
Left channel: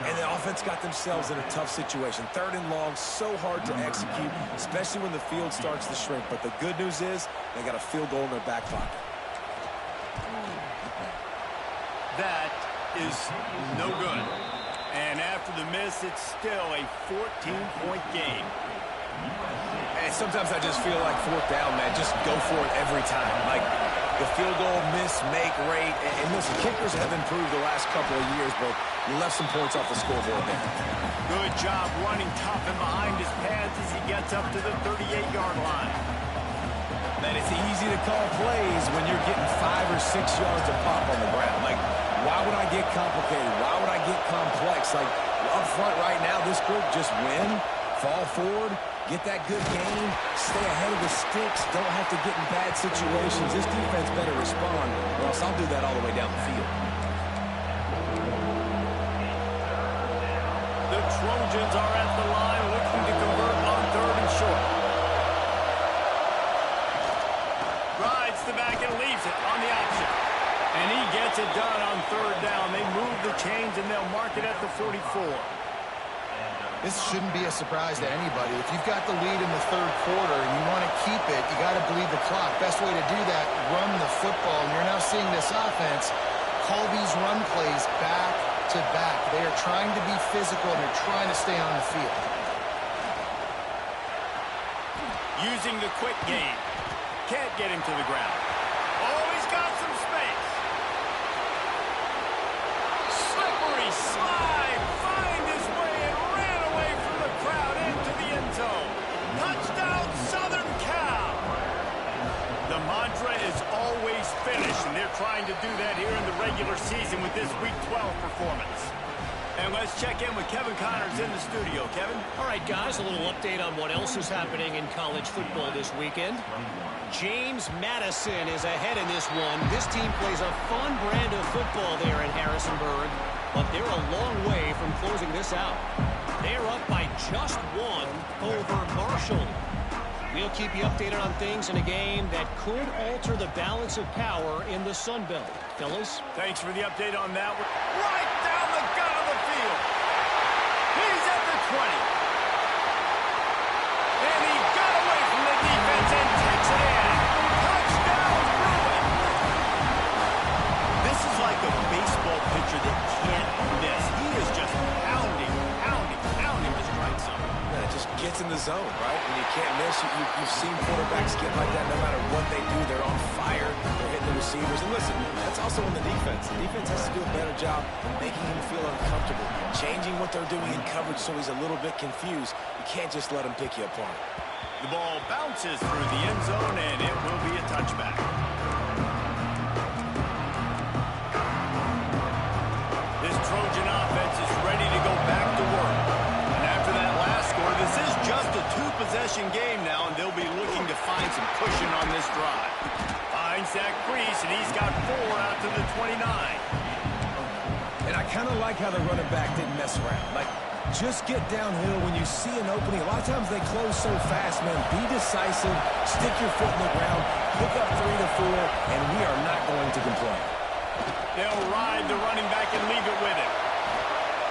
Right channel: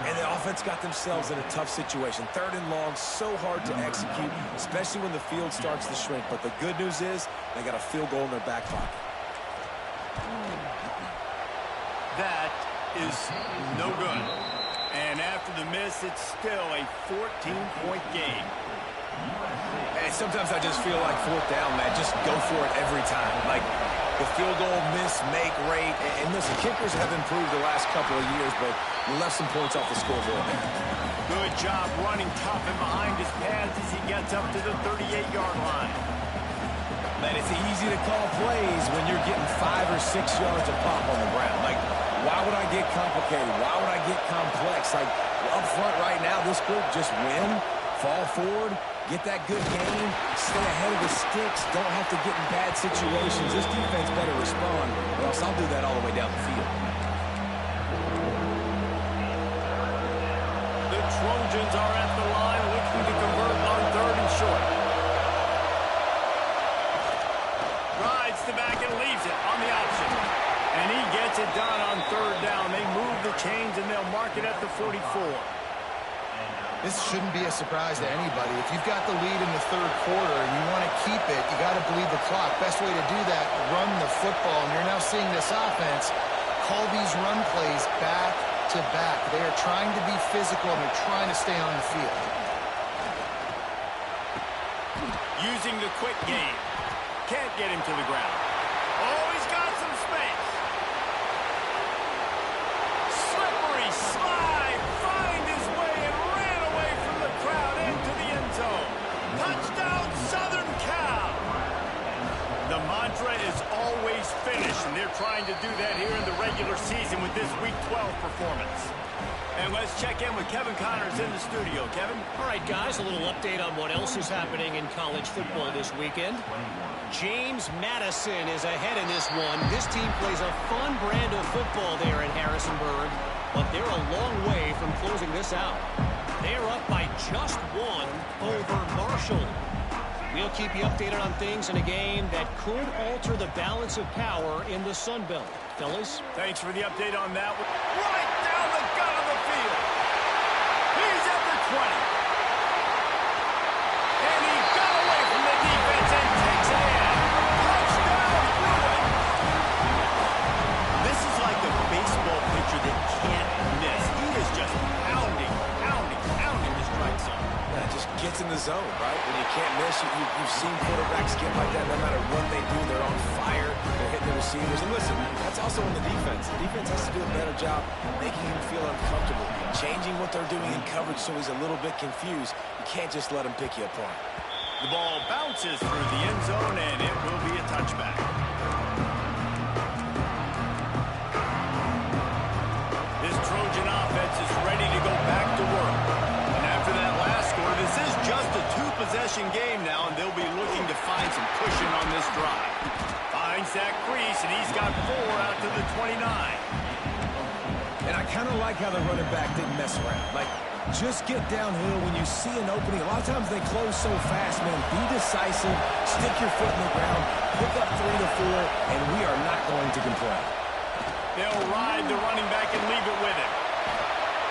And the offense got themselves in a tough situation. 3rd and long, so hard to execute, especially when the field starts to shrink. But the good news is they got a field goal in their back pocket. That is no good. And after the miss, it's still a 14-point game. Hey, sometimes I just feel like 4th down, man. Just go for it every time. Like the field goal miss-make rate. And listen, kickers have improved the last couple of years, but you left some points off the scoreboard there. Good job running tough and behind his pads as he gets up to the 38-yard line. Man, it's easy to call plays when you're getting 5 or 6 yards of pop on the ground. Like, why would I get complicated? Why would I get complex? Like, up front right now, this group just win, fall forward, get that good gain, stay ahead of the sticks, don't have to get in bad situations. This defense better respond, or else I'll do that all the way down the field. The Trojans are at the line looking to convert on 3rd and short. Rides the back and leaves it on the option. And he gets it done on 3rd down. They move the chains and they'll mark it at the 44. This shouldn't be a surprise to anybody. If you've got the lead in the 3rd quarter and you want to keep it, you got to bleed the clock. Best way to do that, run the football. And you're now seeing this offense call these run plays back to back. They are trying to be physical and they're trying to stay on the field. Using the quick game. Can't get him to the ground. Oh, he's got some space. Slippery slide. Find his way and ran away from the crowd into the end zone. Touchdown, Southern Cal. The mantra is always finish, and they're trying to do that here in the regular season with this Week 12 performance. And let's check in with Kevin Connors in the studio. Kevin? All right, guys, a little update on what else is happening in college football this weekend. James Madison is ahead in this one. This team plays a fun brand of football there in Harrisonburg, but they're a long way from closing this out. They're up by just one over Marshall. We'll keep you updated on things in a game that could alter the balance of power in the Sun Belt. Fellas? Thanks for the update on that one. Right down the gut of the field. He's at the 20. And he got away from the defense and takes it in. Touchdown, Bruin. This is like a baseball pitcher that can't miss. He is just pounding the strike zone. Yeah, it just gets in the zone, right? When you can't miss, you've seen quarterbacks get like that no matter what they do. They're on fire. They're hitting the receivers. And listen, that's also on the defense. The defense has to do a better job making him feel uncomfortable, changing what they're doing in coverage so he's a little bit confused. You can't just let him pick you apart. The ball bounces through the end zone, and it will be a touchback. This Trojan offense is ready to go back to work. And after that last score, this is just a two-possession game now, and they'll be looking to find some cushion on this drive. Finds that crease, and he's got 4 out to the 29. And I kind of like how the running back didn't mess around. Like, just get downhill when you see an opening. A lot of times they close so fast, man. Be decisive, stick your foot in the ground, pick up 3 to 4, and we are not going to complain. They'll ride the running back and leave it with him.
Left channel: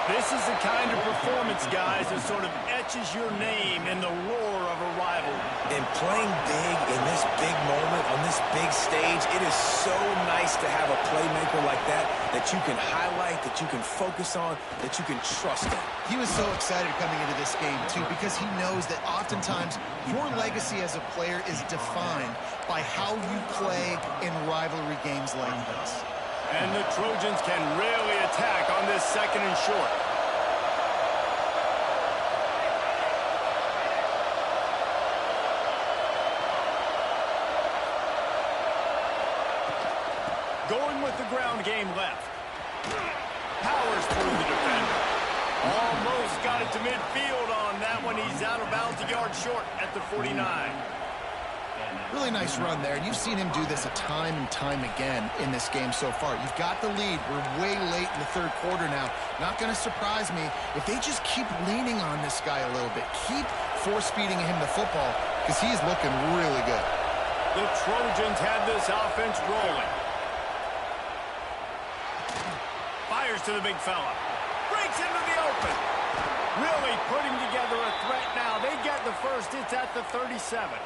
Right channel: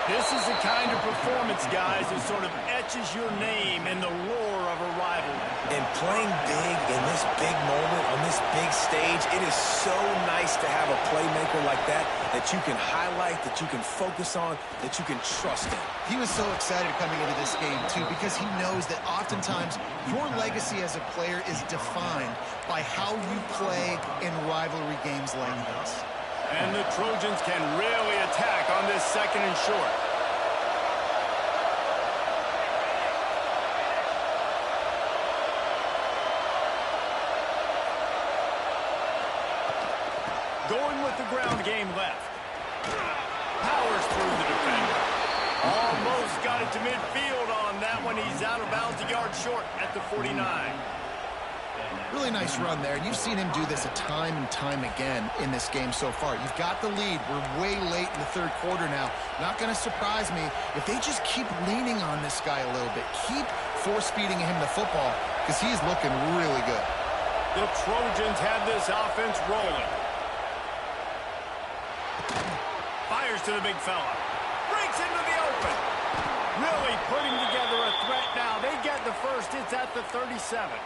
This is the kind of performance, guys, that sort of etches your name in the roar of a rivalry. And playing big in this big moment, on this big stage, it is so nice to have a playmaker like that you can highlight, that you can focus on, that you can trust in. He was so excited coming into this game, too, because he knows that oftentimes your legacy as a player is defined by how you play in rivalry games like this. And the Trojans can really attack on this 2nd and short. Going with the ground game left. Powers through the defender. Almost got it to midfield on that one. He's out of bounds, a yard short at the 49. Really nice run there, and you've seen him do this a time and time again in this game so far. You've got the lead. We're way late in the 3rd quarter now. Not going to surprise me if they just keep leaning on this guy a little bit. Keep force-feeding him the football, because he is looking really good. The Trojans have this offense rolling. Fires to the big fella. Breaks into the open. Really putting together a threat now. They get the first. It's at the 37.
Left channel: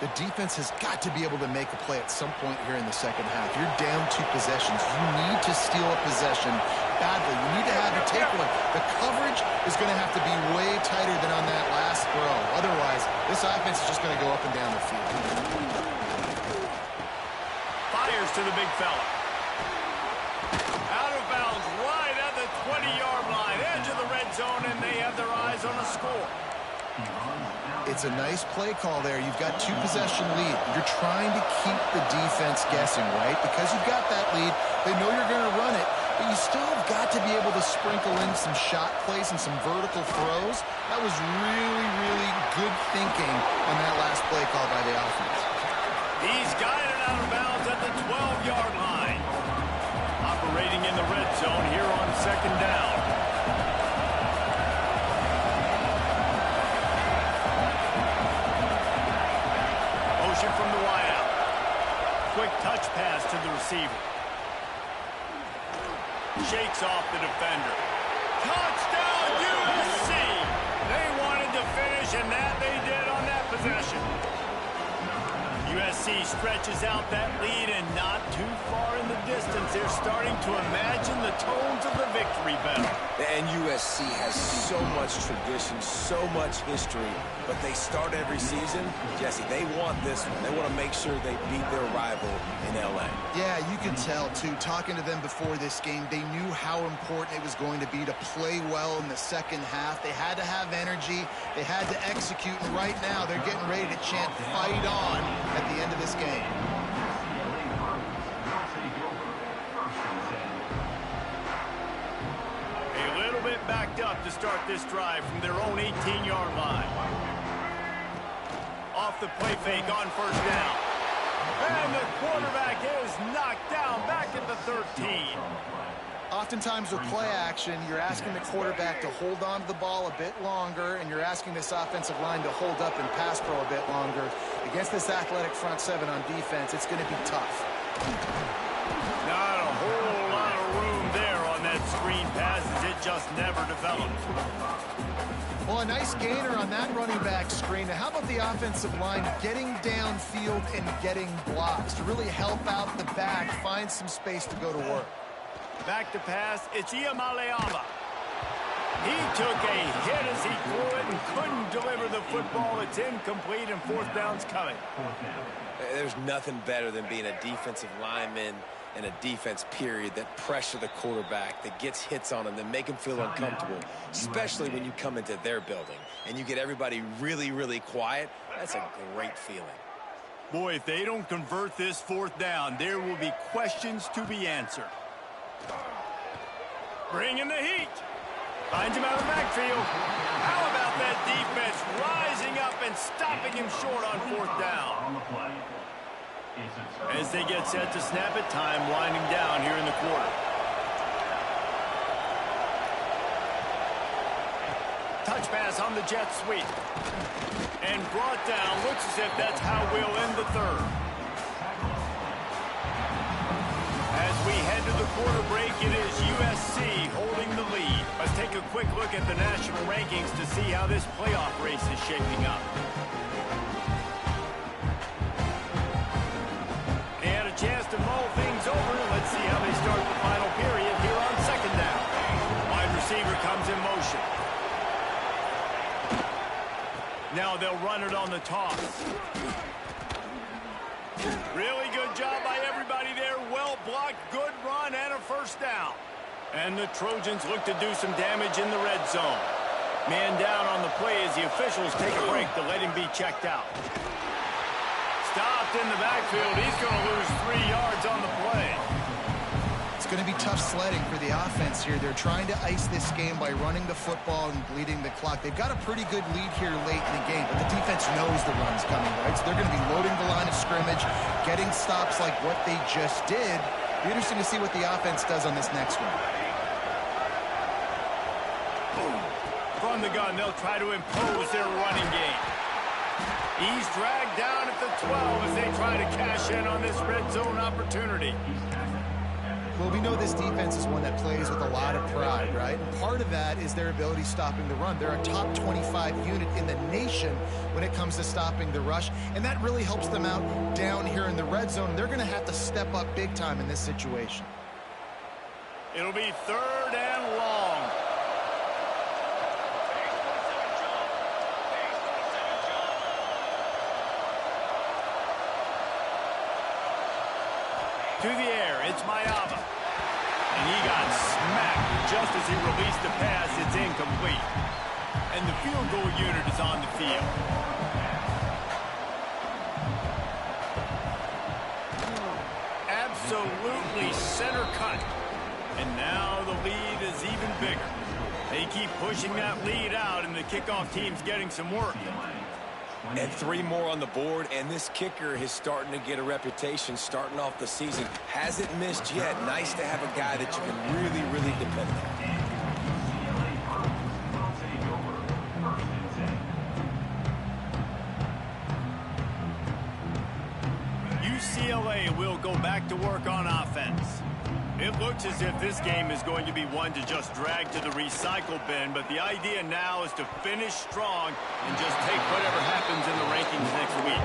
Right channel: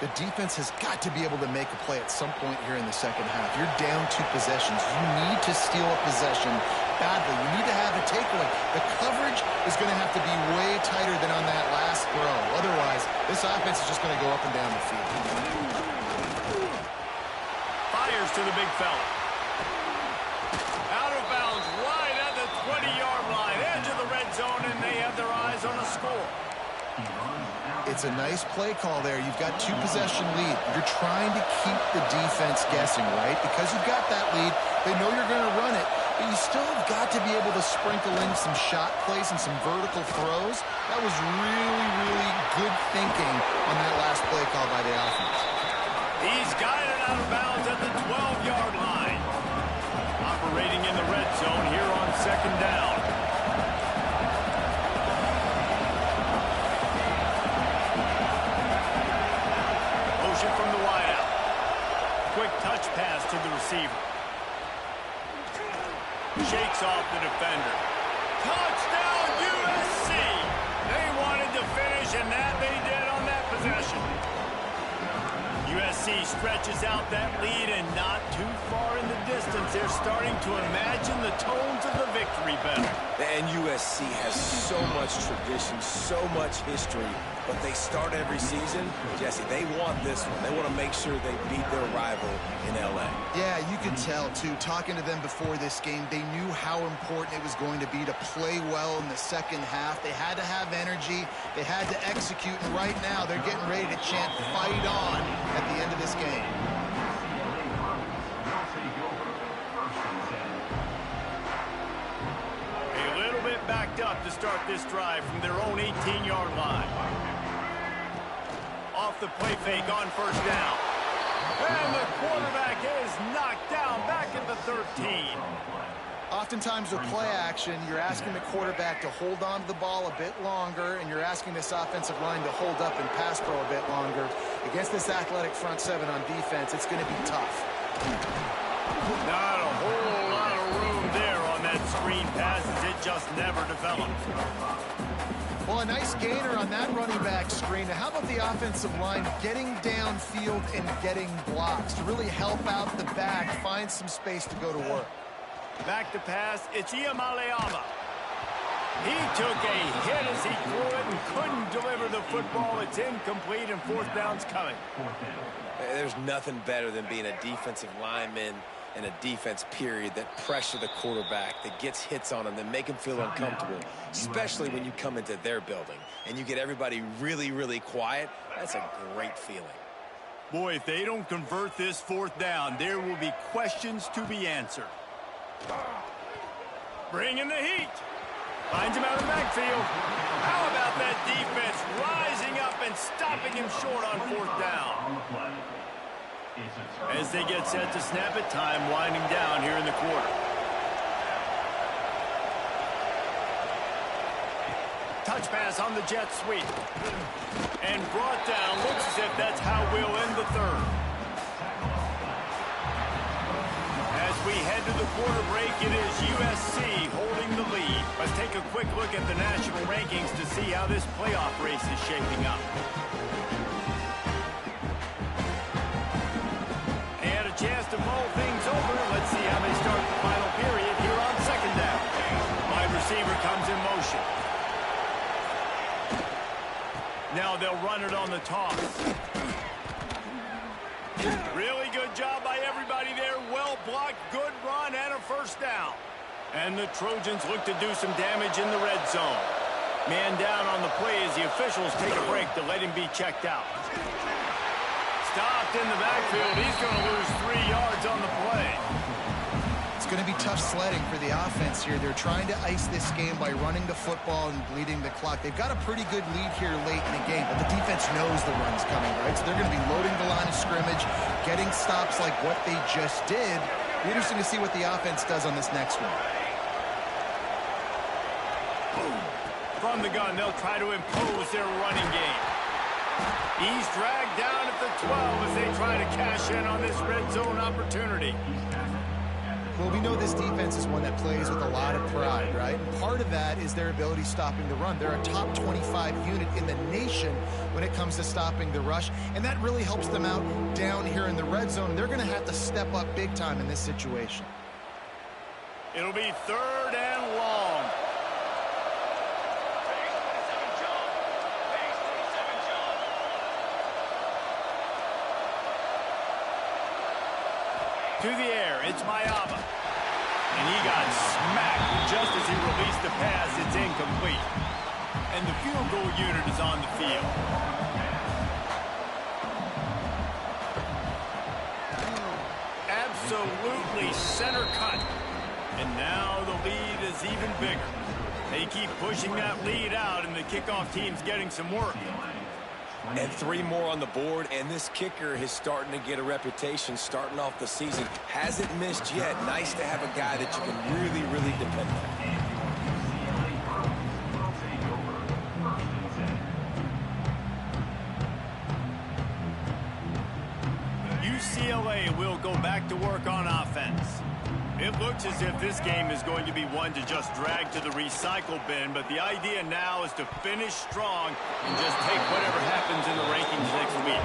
The defense has got to be able to make a play at some point here in the 2nd half. You're down 2 possessions. You need to steal a possession badly. You need to have a takeaway. The coverage is going to have to be way tighter than on that last throw. Otherwise, this offense is just going to go up and down the field. Fires to the big fella. Out of bounds, right at the 20-yard line. Edge of the red zone, and they have their eyes on a score. It's a nice play call there. You've got 2-possession lead. You're trying to keep the defense guessing, right? Because you've got that lead. They know you're going to run it, but you still have got to be able to sprinkle in some shot plays and some vertical throws. That was really, really good thinking on that last play call by the offense. He's guided out of bounds at the 12-yard line. Operating in the red zone here on 2nd down. Motion from the wideout. Quick touch pass to the receiver. Shakes off the defender. Touchdown, USC! They wanted to finish, and that they did on that possession. USC stretches out that lead, and not too far in the distance. They're starting to imagine the tones of the victory bell. And USC has so much tradition, so much history, but they start every season. Jesse, they want this one. They want to make sure they beat their rival in L.A. Yeah, you could tell, too. Talking to them before this game, they knew how important it was going to be to play well in the 2nd half. They had to have energy. They had to execute, and right now they're getting ready to chant "Fight on" at the end of this game. locked up to start this drive from their own 18-yard line. Off the play fake on first down. And the quarterback is knocked down back at the 13. Oftentimes with play action, you're asking the quarterback to hold on to the ball a bit longer, and you're asking this offensive line to hold up and pass pro a bit longer. Against this athletic front seven on defense, it's going to be tough. Not a whole lot of room there on that screen pass as it just never developed. Well, a nice gainer on that running back screen. Now, how about the offensive line getting downfield and getting blocks to really help out the back, find some space to go to work? Back to pass, it's Iamaleava. He took a hit as he threw it and couldn't deliver the football. It's incomplete and fourth down's coming. There's nothing better than being a defensive lineman and a defense period that pressure the quarterback, that gets hits on him, that make him feel uncomfortable, especially when you come into their building and you get everybody really, really quiet. That's a great feeling. Boy, if they don't convert this fourth down, there will be questions to be answered. Bringing the heat. Finds him out of the backfield. How about that defense rising up and stopping him short on fourth down? As they get set to snap it, time winding down here in the quarter. Touch pass on the jet sweep. And brought down. Looks as if that's how we'll end the third. As we head to the quarter break, it is USC holding the lead. Let's take a quick look at the national rankings to see how this playoff race is shaping up. They had a chance to mull things over. Let's see how they start the final period here on second down. Wide receiver comes in motion. Now they'll run it on the toss. Really good job by everybody there. Well blocked, good run, and a first down. And the Trojans look to do some damage in the red zone. Man down on the play as the officials take a break to let him be checked out. Stopped in the backfield. He's going to lose 3 yards on the play. It's going to be tough sledding for the offense here. They're trying to ice this game by running the football and bleeding the clock. They've got a pretty good lead here late in the game, but the defense knows the run's coming, right? So they're going to be loading the line of scrimmage, getting stops like what they just did. Be interesting to see what the offense does on this next one. From the gun, they'll try to impose their running game. He's dragged down at the 12 as they try to cash in on this red zone opportunity. Well, we know this defense is one that plays with a lot of pride, right? And part of that is their ability stopping the run. They're a top 25 unit in the nation when it comes to stopping the rush, and that really helps them out down here in the red zone. And they're going to have to step up big time in this situation. It'll be third and long. To the air, it's Mayava. And he got smacked just as he released the pass. It's incomplete. And the field goal unit is on the field. Absolutely center cut. And now the lead is even bigger. They keep pushing that lead out, and the kickoff team's getting some work. And 3 more on the board, and this kicker is starting to get a reputation starting off the season. Hasn't missed yet. Nice to have a guy that you can really, really depend on. UCLA will go back to work on offense. It looks as if this game is going to be one to just drag to the recycle bin, but the idea now is to finish strong and just take whatever happens in the rankings next week.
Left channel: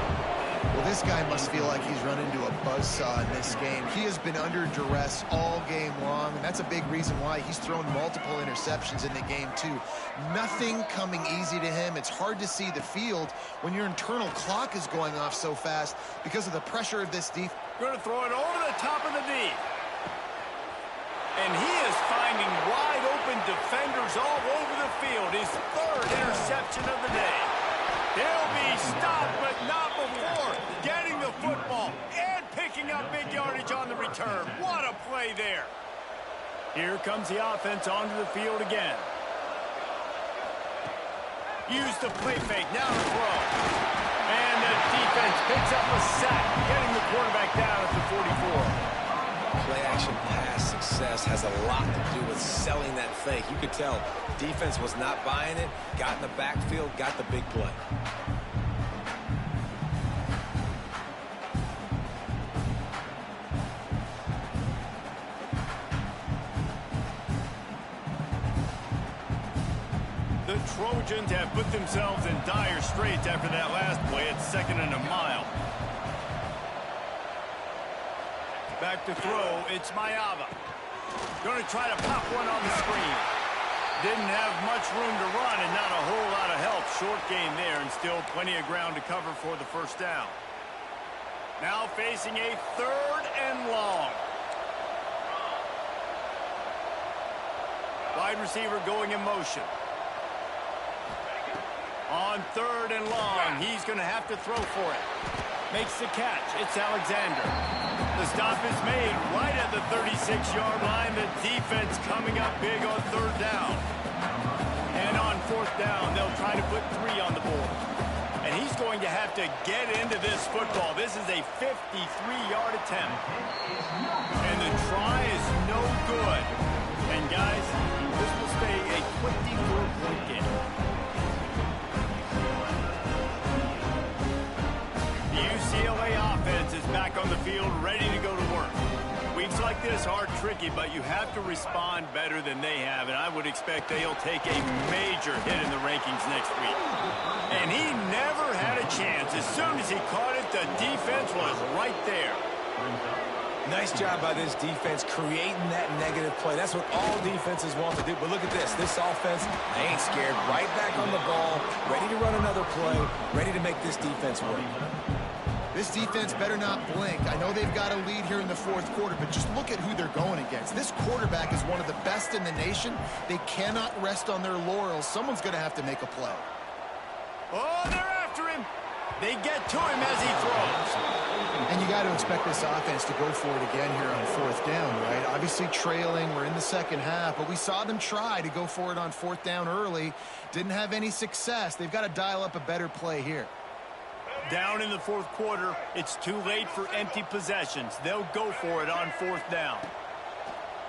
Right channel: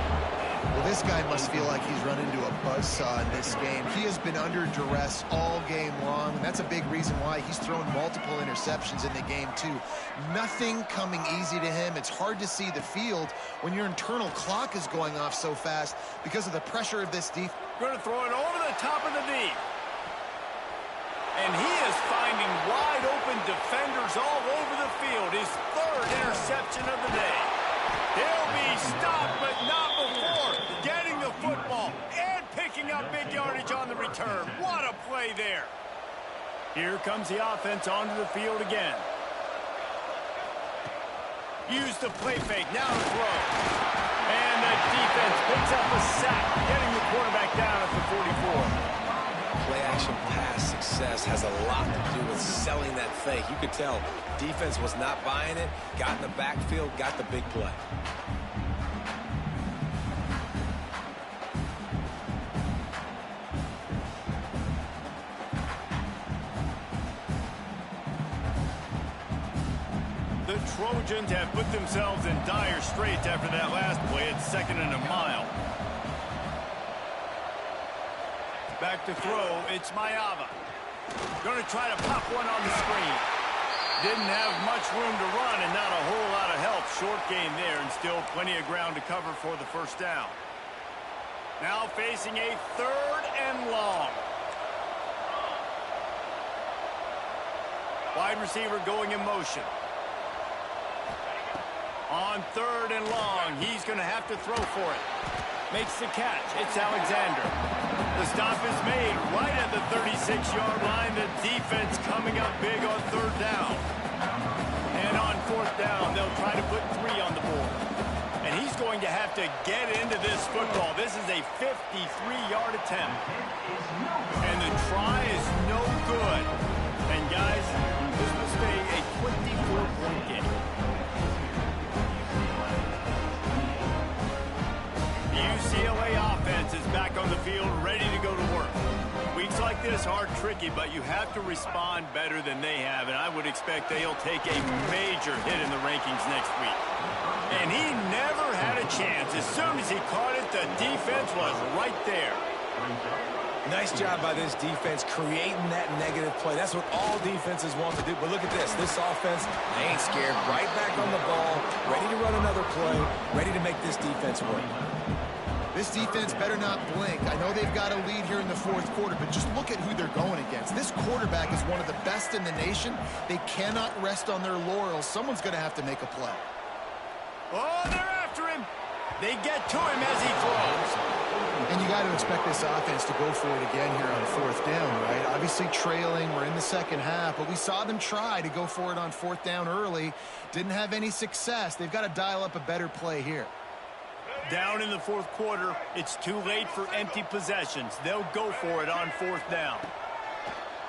Well, this guy must feel like he's run into a buzzsaw in this game. He has been under duress all game long, and that's a big reason why he's thrown multiple interceptions in the game, too. Nothing coming easy to him. It's hard to see the field when your internal clock is going off so fast because of the pressure of this defense. Going to throw it over the top of the knee. And he is finding wide-open defenders all over the field. His third interception of the day. He'll be stopped, but not before getting the football and picking up big yardage on the return. What a play there. Here comes the offense onto the field again. Use the play fake. Now to throw. And the defense picks up a sack, getting the quarterback down at the 44. Play-action pass success has a lot to do with selling that fake. You could tell defense was not buying it, got in the backfield, got the big play. The Trojans have put themselves in dire straits after that last play. It's 2nd and a mile. Back to throw, it's Mayava. Going to try to pop one on the screen. Didn't have much room to run and not a whole lot of help. Short gain there and still plenty of ground to cover for the first down. Now facing a 3rd and long. Wide receiver going in motion. On 3rd and long, he's going to have to throw for it. Makes the catch. It's Alexander. The stop is made right at the 36-yard line. The defense coming up big on 3rd down. And on 4th down, they'll try to put 3 on the board. And he's going to have to get into this football. This is a 53-yard attempt. And the try is no good. And guys, this will stay a 24-point game. The UCLA offense is back on the field, ready to go to work. Weeks like this are tricky, but you have to respond better than they have, and I would expect they'll take a major hit in the rankings next week. And he never had a chance. As soon as he caught it, the defense was right there. Nice job by this defense creating that negative play. That's what all defenses want to do. But look at this. This offense, they ain't scared. Right back on the ball, ready to run another play, ready to make this defense work. This defense better not blink. I know they've got a lead here in the 4th quarter, but just look at who they're going against. This quarterback is one of the best in the nation. They cannot rest on their laurels. Someone's going to have to make a play. Oh, they're after him. They get to him as he throws. And you got to expect this offense to go for it again here on 4th down, right? Obviously trailing. We're in the 2nd half, but we saw them try to go for it on 4th down early. Didn't have any success. They've got to dial up a better play here. Down in the 4th quarter, it's too late for empty possessions. They'll go for it on 4th down.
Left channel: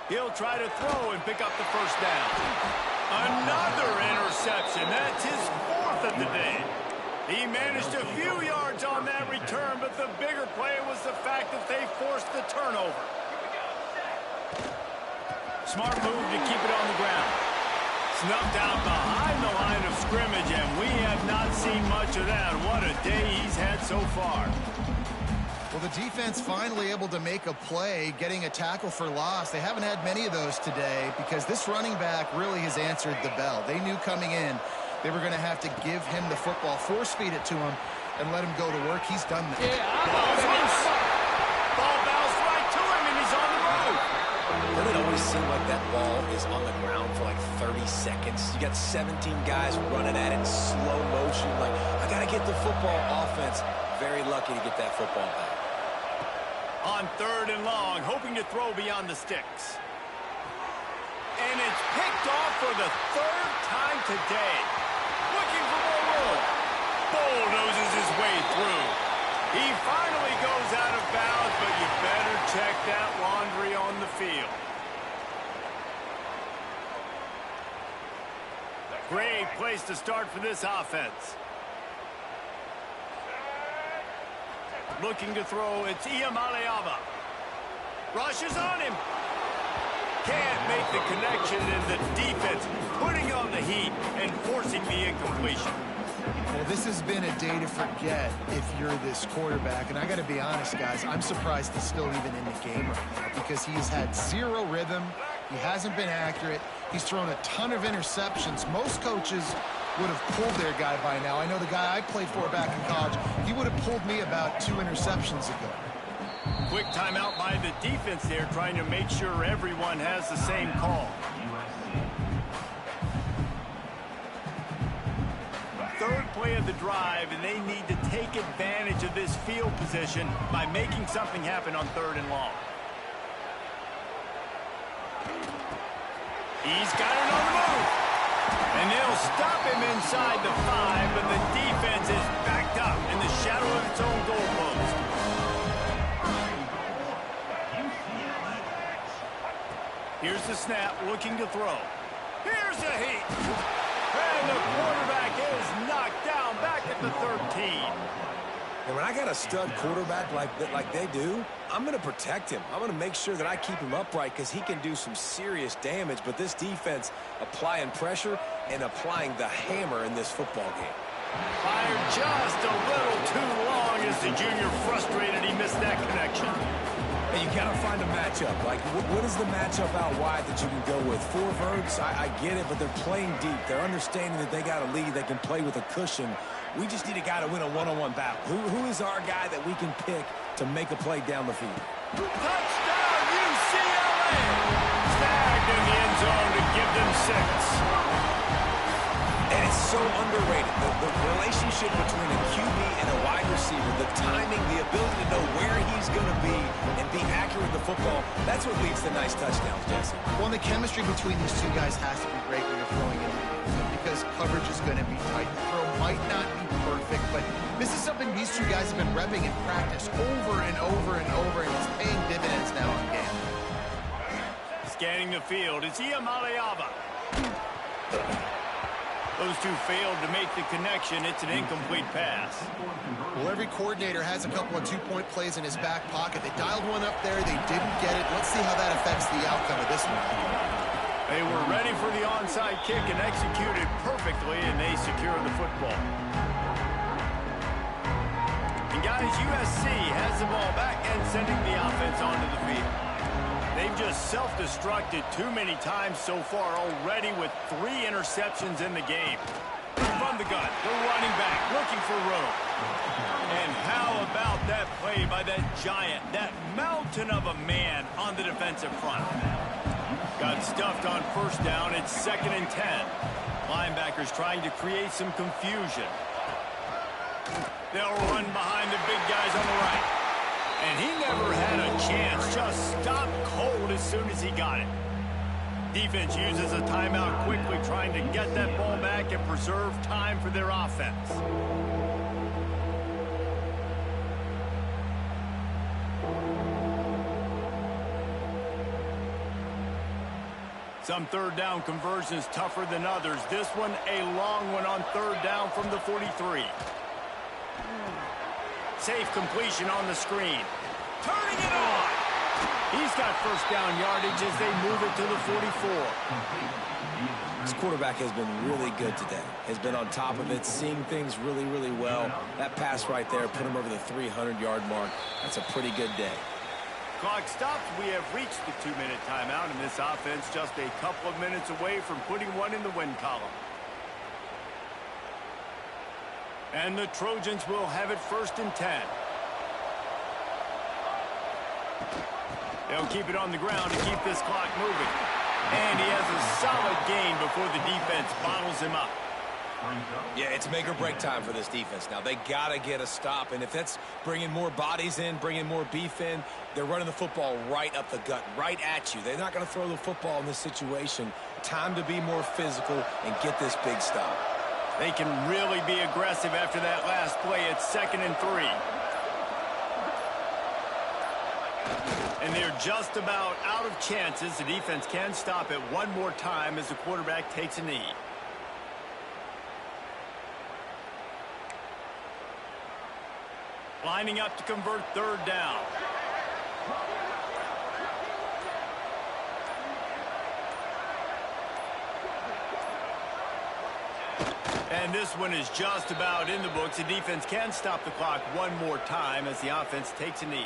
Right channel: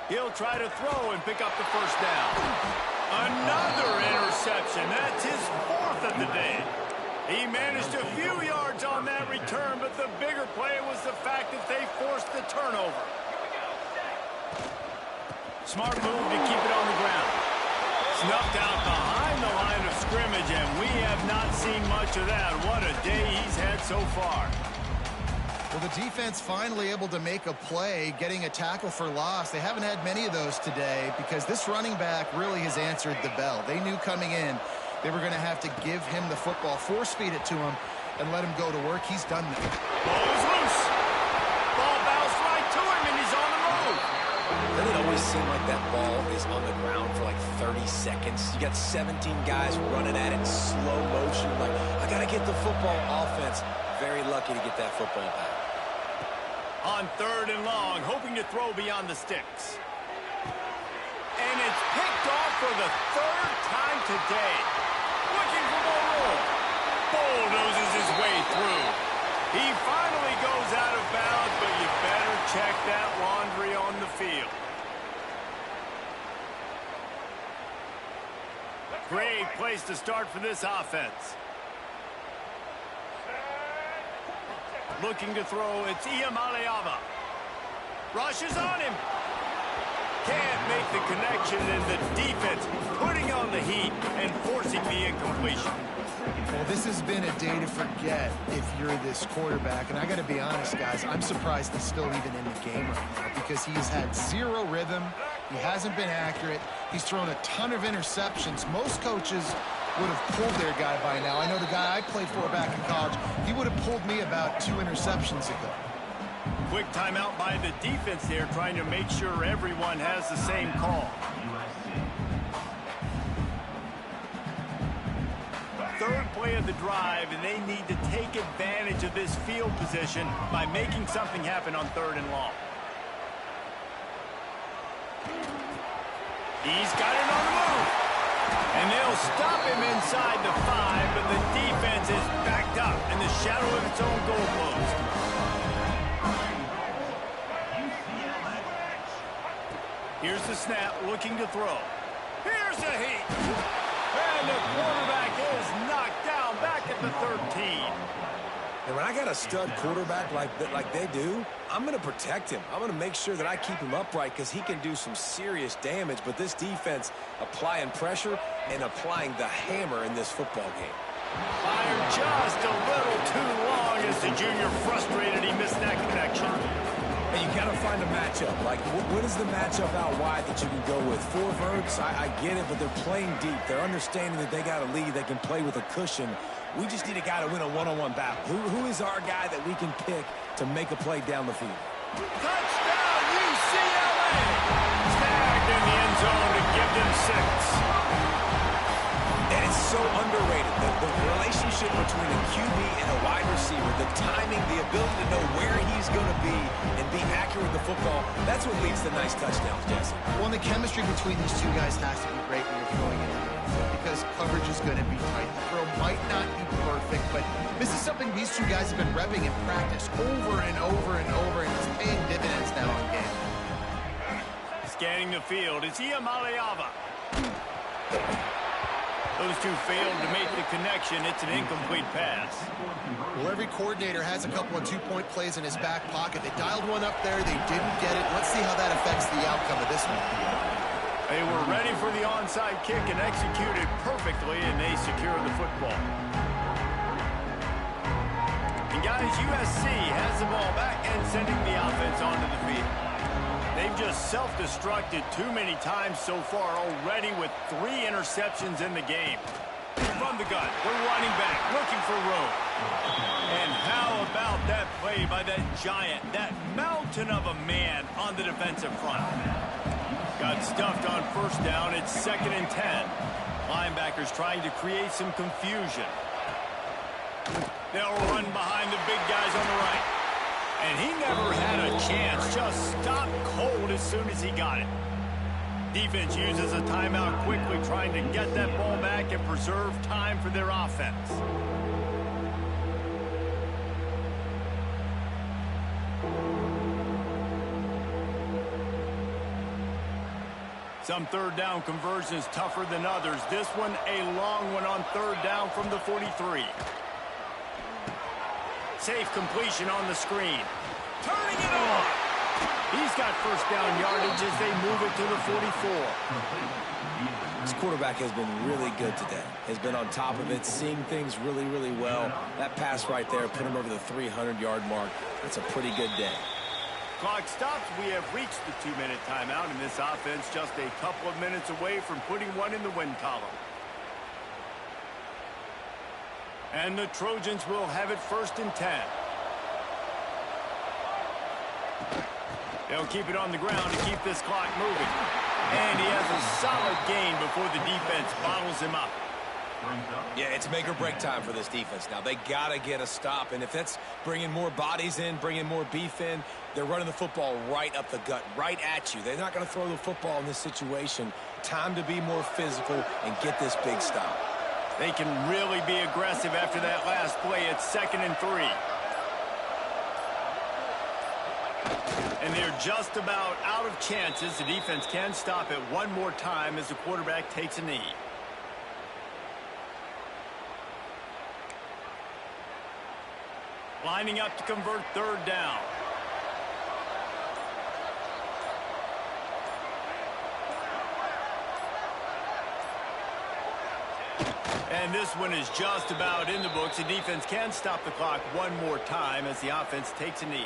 He'll try to throw and pick up the 1st down. Another interception. That's his 4th of the day. He managed a few yards on that return, but the bigger play was the fact that they forced the turnover. Smart move to keep it on the ground. Snuffed out behind the line of scrimmage, and we have not seen much of that. What a day he's had so far. Well, the defense finally able to make a play, getting a tackle for loss. They haven't had many of those today because this running back really has answered the bell. They knew coming in they were going to have to give him the football, force feed it to him, and let him go to work. He's done that. Ball is loose. Ball bounced right to him, and he's on the move. Doesn't it always seem like that ball is on the ground for like 30 seconds? You got 17 guys running at it in slow motion. Like, I got to get the football. Offense, very lucky to get that football back. On 3rd and long, hoping to throw beyond the sticks. And it's picked off for the 3rd time today. Looking for more room. Bulldozes his way through. He finally goes out of bounds, but you better check that laundry on the field. Great place to start for this offense. Looking to throw, it's Iamaleava. Rushes on him. Can't make the connection, and the defense putting on the heat and forcing the incompletion. Well, this has been a day to forget if you're this quarterback. And I got to be honest, guys, I'm surprised he's still even in the game right now because he's had zero rhythm. He hasn't been accurate. He's thrown a ton of interceptions. Most coaches would have pulled their guy by now. I know the guy I played for back in college, he would have pulled me about 2 interceptions ago. Quick timeout by the defense there, trying to make sure everyone has the same call. 3rd play of the drive, and they need to take advantage of this field position by making something happen on 3rd and long. He's got it on the move. And they'll stop him inside the 5, but the defense is backed up in the shadow of its own goalpost. Here's the snap, looking to throw. Here's the heat. And the quarterback is knocked down back at the 13. And when I got a stud quarterback like they do, I'm going to protect him. I'm going to make sure that I keep him upright because he can do some serious damage. But this defense applying pressure and applying the hammer in this football game. Fired just a little too long as the junior frustrated he missed that connection. And you got to find a matchup. Like, what is the matchup out wide that you can go with? 4 verts, I get it, but they're playing deep. They're understanding that they got a lead. They can play with a cushion. We just need a guy to win a one-on-one battle. Who is our guy that we can pick to make a play down the field? Touchdown, UCLA! Snagged in the end zone to give them 6. And it's so underrated. The relationship between a QB and a wide receiver, the timing, the ability to know where he's going to be and be accurate with the football, that's what leads to nice touchdowns, Jesse. Well, and the chemistry between these two guys has to be great when you're throwing into the end zone because coverage is going to be tight. The throw might not be perfect, but this is something these two guys have been repping in practice over and over and over, and it's paying dividends now in game. Scanning the field, it's Iamaleava. Those two failed to make the connection. It's an incomplete pass. Well, every coordinator has a couple of two-point plays in his back pocket. They dialed one up there. They didn't get it. Let's see how that affects the outcome of this one. They were ready for the onside kick and executed perfectly, and they secured the football. And guys, USC has the ball back and sending the offense onto the field. They've just self-destructed too many times so far already with 3 interceptions in the game. From the gun, the running back looking for room. And how about that play by that giant, that mountain of a man on the defensive front? Got stuffed on first down. It's 2nd and 10. Linebackers trying to create some confusion. They'll run behind the big guys on the right. And he never had a chance, just stopped cold as soon as he got it. Defense uses a timeout quickly, trying to get that ball back and preserve time for their offense. Some third down conversions tougher than others. This one a long one on 3rd down from the 43. Safe completion on the screen. Turning it on. He's got first down yardage as they move it to the 44. This quarterback has been really good today. Has been on top of it, seeing things really, really well. That pass right there put him over the 300-yard mark. That's a pretty good day. Clock stops. We have reached the 2-minute timeout, and this offense just a couple of minutes away from putting one in the win column. And the Trojans will have it 1st and 10. They'll keep it on the ground to keep this clock moving. And he has a solid gain before the defense bottles him up. Yeah, it's make or break time for this defense now. They got to get a stop. And if that's bringing more bodies in, bringing more beef in, they're running the football right up the gut, right at you. They're not going to throw the football in this situation. Time to be more physical and get this big stop. They can really be aggressive after that last play. It's 2nd and 3. And they're just about out of chances. The defense can stop it one more time as the quarterback takes a knee. Lining up to convert 3rd down. And this one is just about in the books. The defense can stop the clock one more time as the offense takes a knee.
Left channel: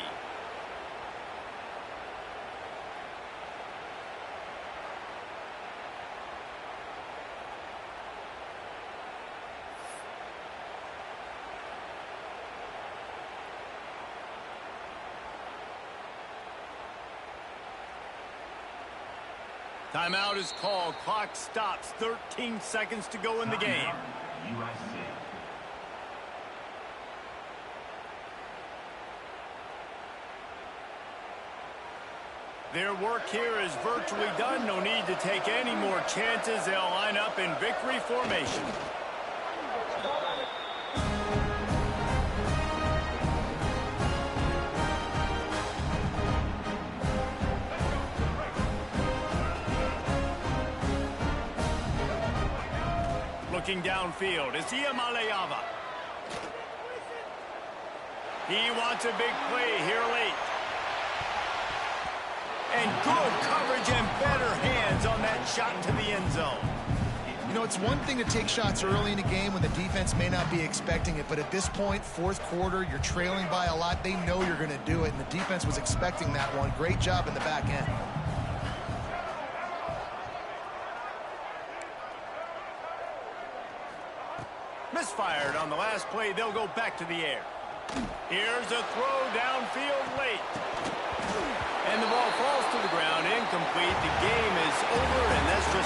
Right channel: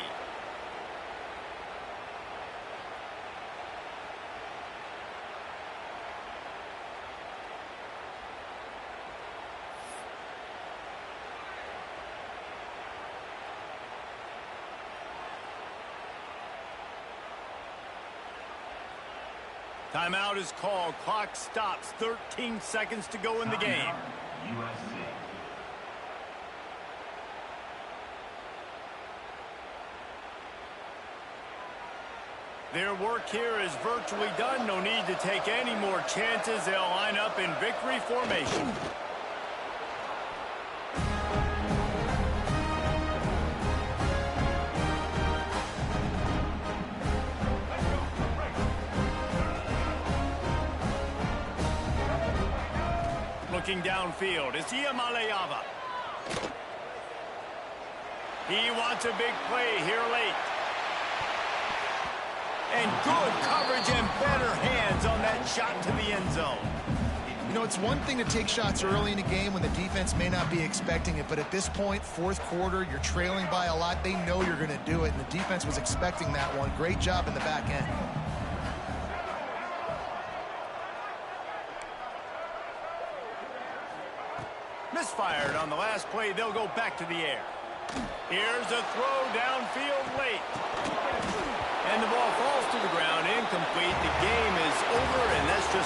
Timeout is called. Clock stops. 13 seconds to go in the game. USC. Their work here is virtually done. No need to take any more chances. They'll line up in victory formation. Looking downfield, it's Iamaleava. He wants a big play here late. And good coverage and better hands on that shot to the end zone. You know, it's one thing to take shots early in a game when the defense may not be expecting it, but at this point, fourth quarter, you're trailing by a lot. They know you're going to do it, and the defense was expecting that one. Great job in the back end. Misfired on the last play. They'll go back to the air. Here's a throw downfield late. And the ball falls to the ground, incomplete. The game is over, and that's just